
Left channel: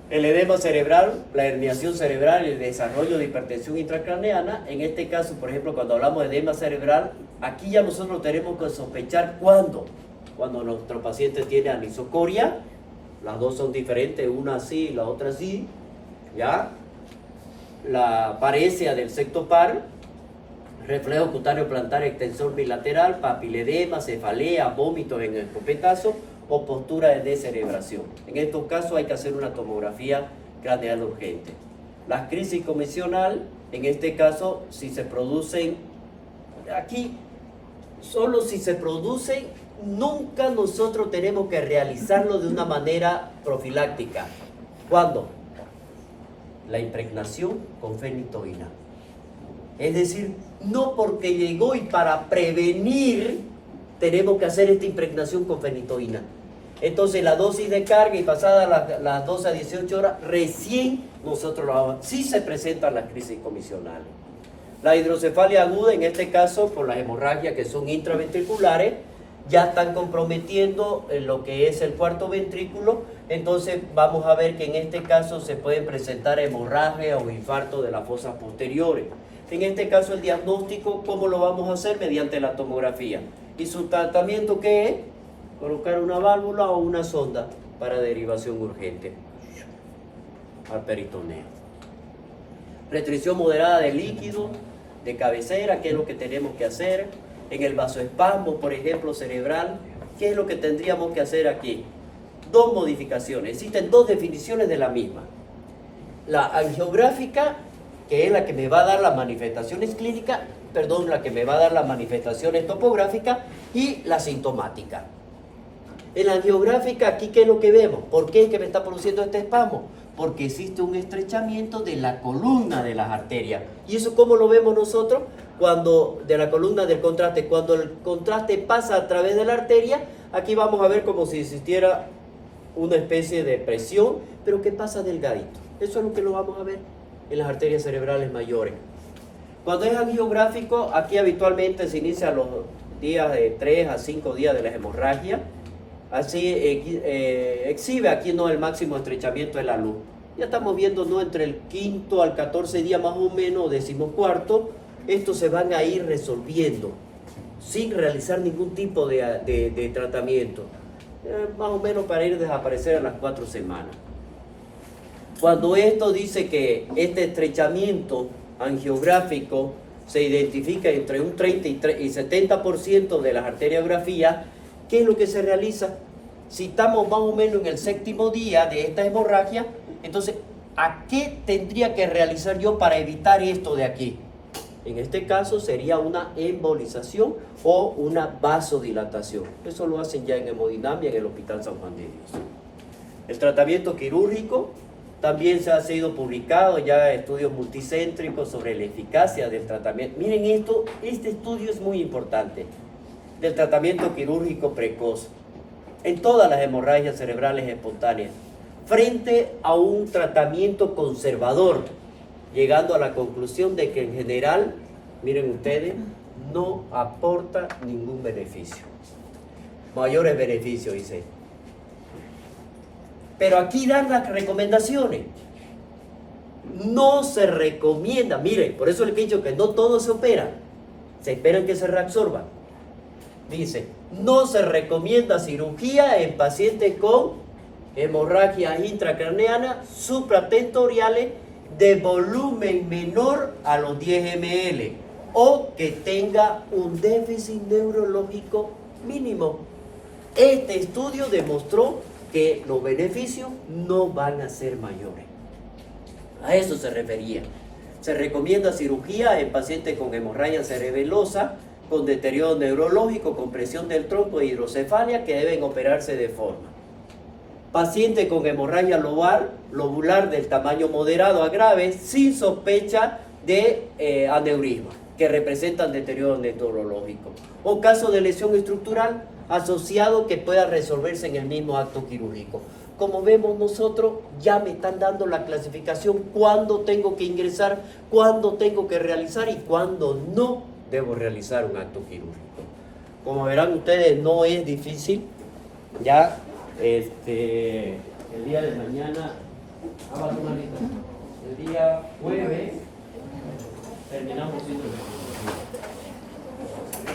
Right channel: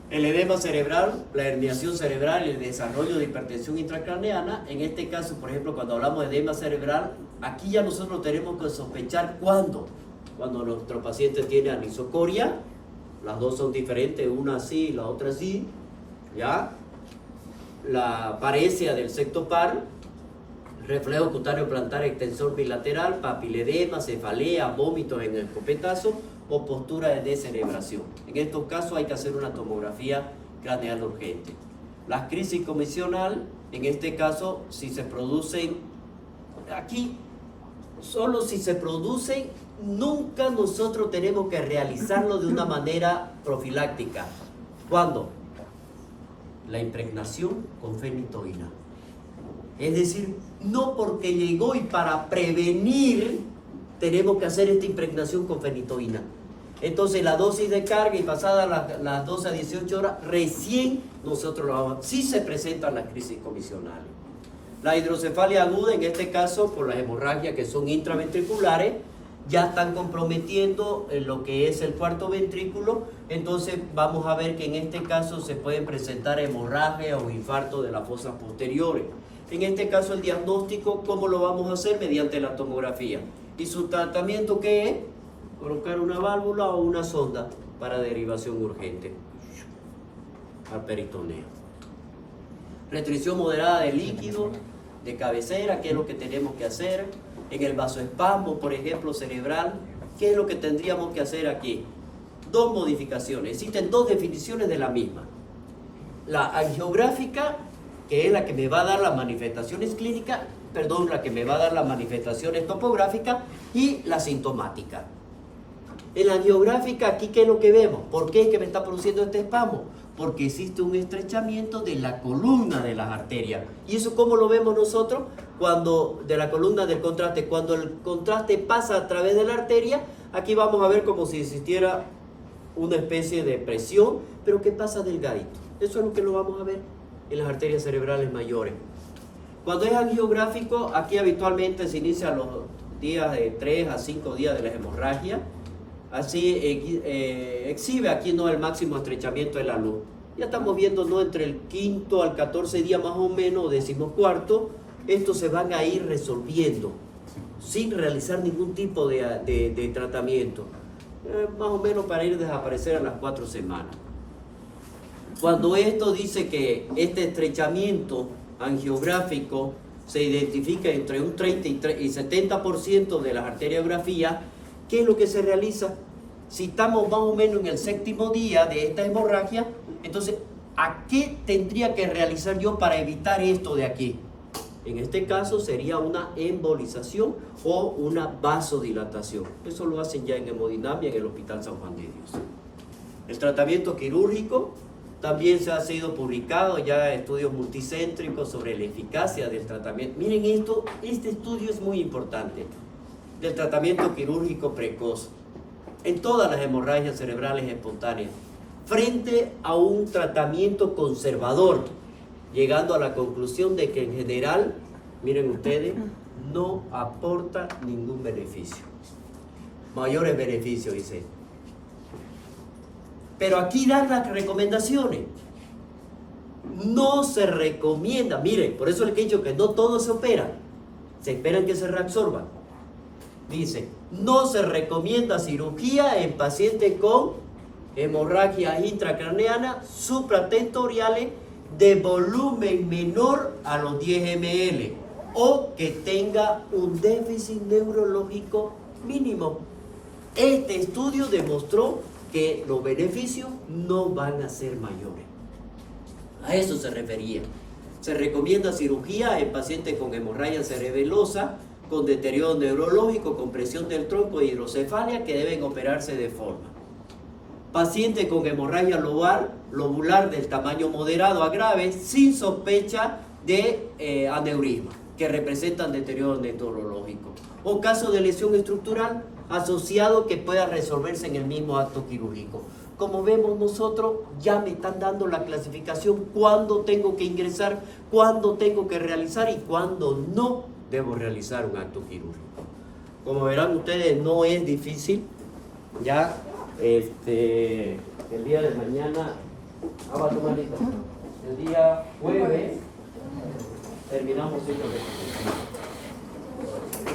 El edema cerebral, la herniación cerebral, el desarrollo de hipertensión intracraneana. En este caso, por ejemplo, cuando hablamos de edema cerebral, aquí ya nosotros tenemos que sospechar cuándo. Cuando nuestro paciente tiene anisocoria, las dos son diferentes, una así y la otra así. ¿ya? La paresia del septo par, reflejo cutáneo plantar, extensor bilateral, papiledema, cefalea, vómitos en el escopetazo o postura de descerebración. En estos casos hay que hacer una tomografía craneal urgente. La crisis comisional, en este caso, si se producen, aquí, solo si se producen, nunca nosotros tenemos que realizarlo de una manera profiláctica. ¿Cuándo? La impregnación con fenitoína. Es decir, no porque llegó y para prevenir tenemos que hacer esta impregnación con fenitoína. Entonces la dosis de carga y pasadas las 12 a 18 horas, recién nosotros lo vamos. Sí se presentan las crisis comisionales. La hidrocefalia aguda, en este caso, por las hemorragias que son intraventriculares, ya están comprometiendo lo que es el cuarto ventrículo. Entonces vamos a ver que en este caso se pueden presentar hemorragia o infarto de las fosas posteriores. En este caso el diagnóstico, ¿cómo lo vamos a hacer? Mediante la tomografía. ¿Y su tratamiento qué es? Colocar una válvula o una sonda para derivación urgente al peritoneo. Restricción moderada de líquido, de cabecera, ¿qué es lo que tenemos que hacer? En el vasoespasmo, por ejemplo, cerebral, ¿qué es lo que tendríamos que hacer aquí? Dos modificaciones, existen dos definiciones de la misma. La angiográfica, que es la que me va a dar las manifestaciones clínicas, la que me va a dar las manifestaciones topográficas, y la sintomática. En la angiográfica, aquí, ¿qué es lo que vemos? ¿Por qué es que me está produciendo este espasmo? Porque existe un estrechamiento de la columna de las arterias. ¿Y eso cómo lo vemos nosotros? Cuando, de la columna del contraste, cuando el contraste pasa a través de la arteria, aquí vamos a ver como si existiera una especie de presión, pero que pasa delgadito. Eso es lo que lo vamos a ver en las arterias cerebrales mayores. Cuando es angiográfico, aquí habitualmente se inicia los días de 3 a 5 días de la hemorragia. Así exhibe aquí no el máximo estrechamiento de la luz. Ya estamos viendo no entre el 5º al 14 día más o menos, o 14º, estos se van a ir resolviendo sin realizar ningún tipo de tratamiento, más o menos para ir a desaparecer a las 4 semanas. Cuando esto dice que este estrechamiento angiográfico se identifica entre un 30 y 70% de las arteriografías, ¿qué es lo que se realiza? Si estamos más o menos en el 7º día de esta hemorragia, entonces, ¿a qué tendría que realizar yo para evitar esto de aquí? En este caso sería una embolización o una vasodilatación. Eso lo hacen ya en hemodinamia en el Hospital San Juan de Dios. El tratamiento quirúrgico, también se ha sido publicado ya estudios multicéntricos sobre la eficacia del tratamiento. Miren esto, este estudio es muy importante, del tratamiento quirúrgico precoz en todas las hemorragias cerebrales espontáneas, frente a un tratamiento conservador, llegando a la conclusión de que en general, miren ustedes, no aporta ningún beneficio. Mayores beneficios, dice. Pero aquí dan las recomendaciones. No se recomienda, miren, por eso les he dicho que no todo se opera, se esperan que se reabsorban. Dice, no se recomienda cirugía en pacientes con hemorragias intracraneanas supratentoriales de volumen menor a los 10 ml o que tenga un déficit neurológico mínimo. Este estudio demostró que los beneficios no van a ser mayores. A eso se refería. Se recomienda cirugía en pacientes con hemorragia cerebelosa, con deterioro neurológico, compresión del tronco e hidrocefalia que deben operarse de forma. Paciente con hemorragia lobular del tamaño moderado a grave sin sospecha de aneurisma, que representan deterioro neurológico. O caso de lesión estructural asociado que pueda resolverse en el mismo acto quirúrgico. Como vemos nosotros, ya me están dando la clasificación, cuándo tengo que ingresar, cuándo tengo que realizar y cuándo no debo realizar un acto quirúrgico. Como verán ustedes, no es difícil. Ya el día de mañana, el día jueves, terminamos ciclo de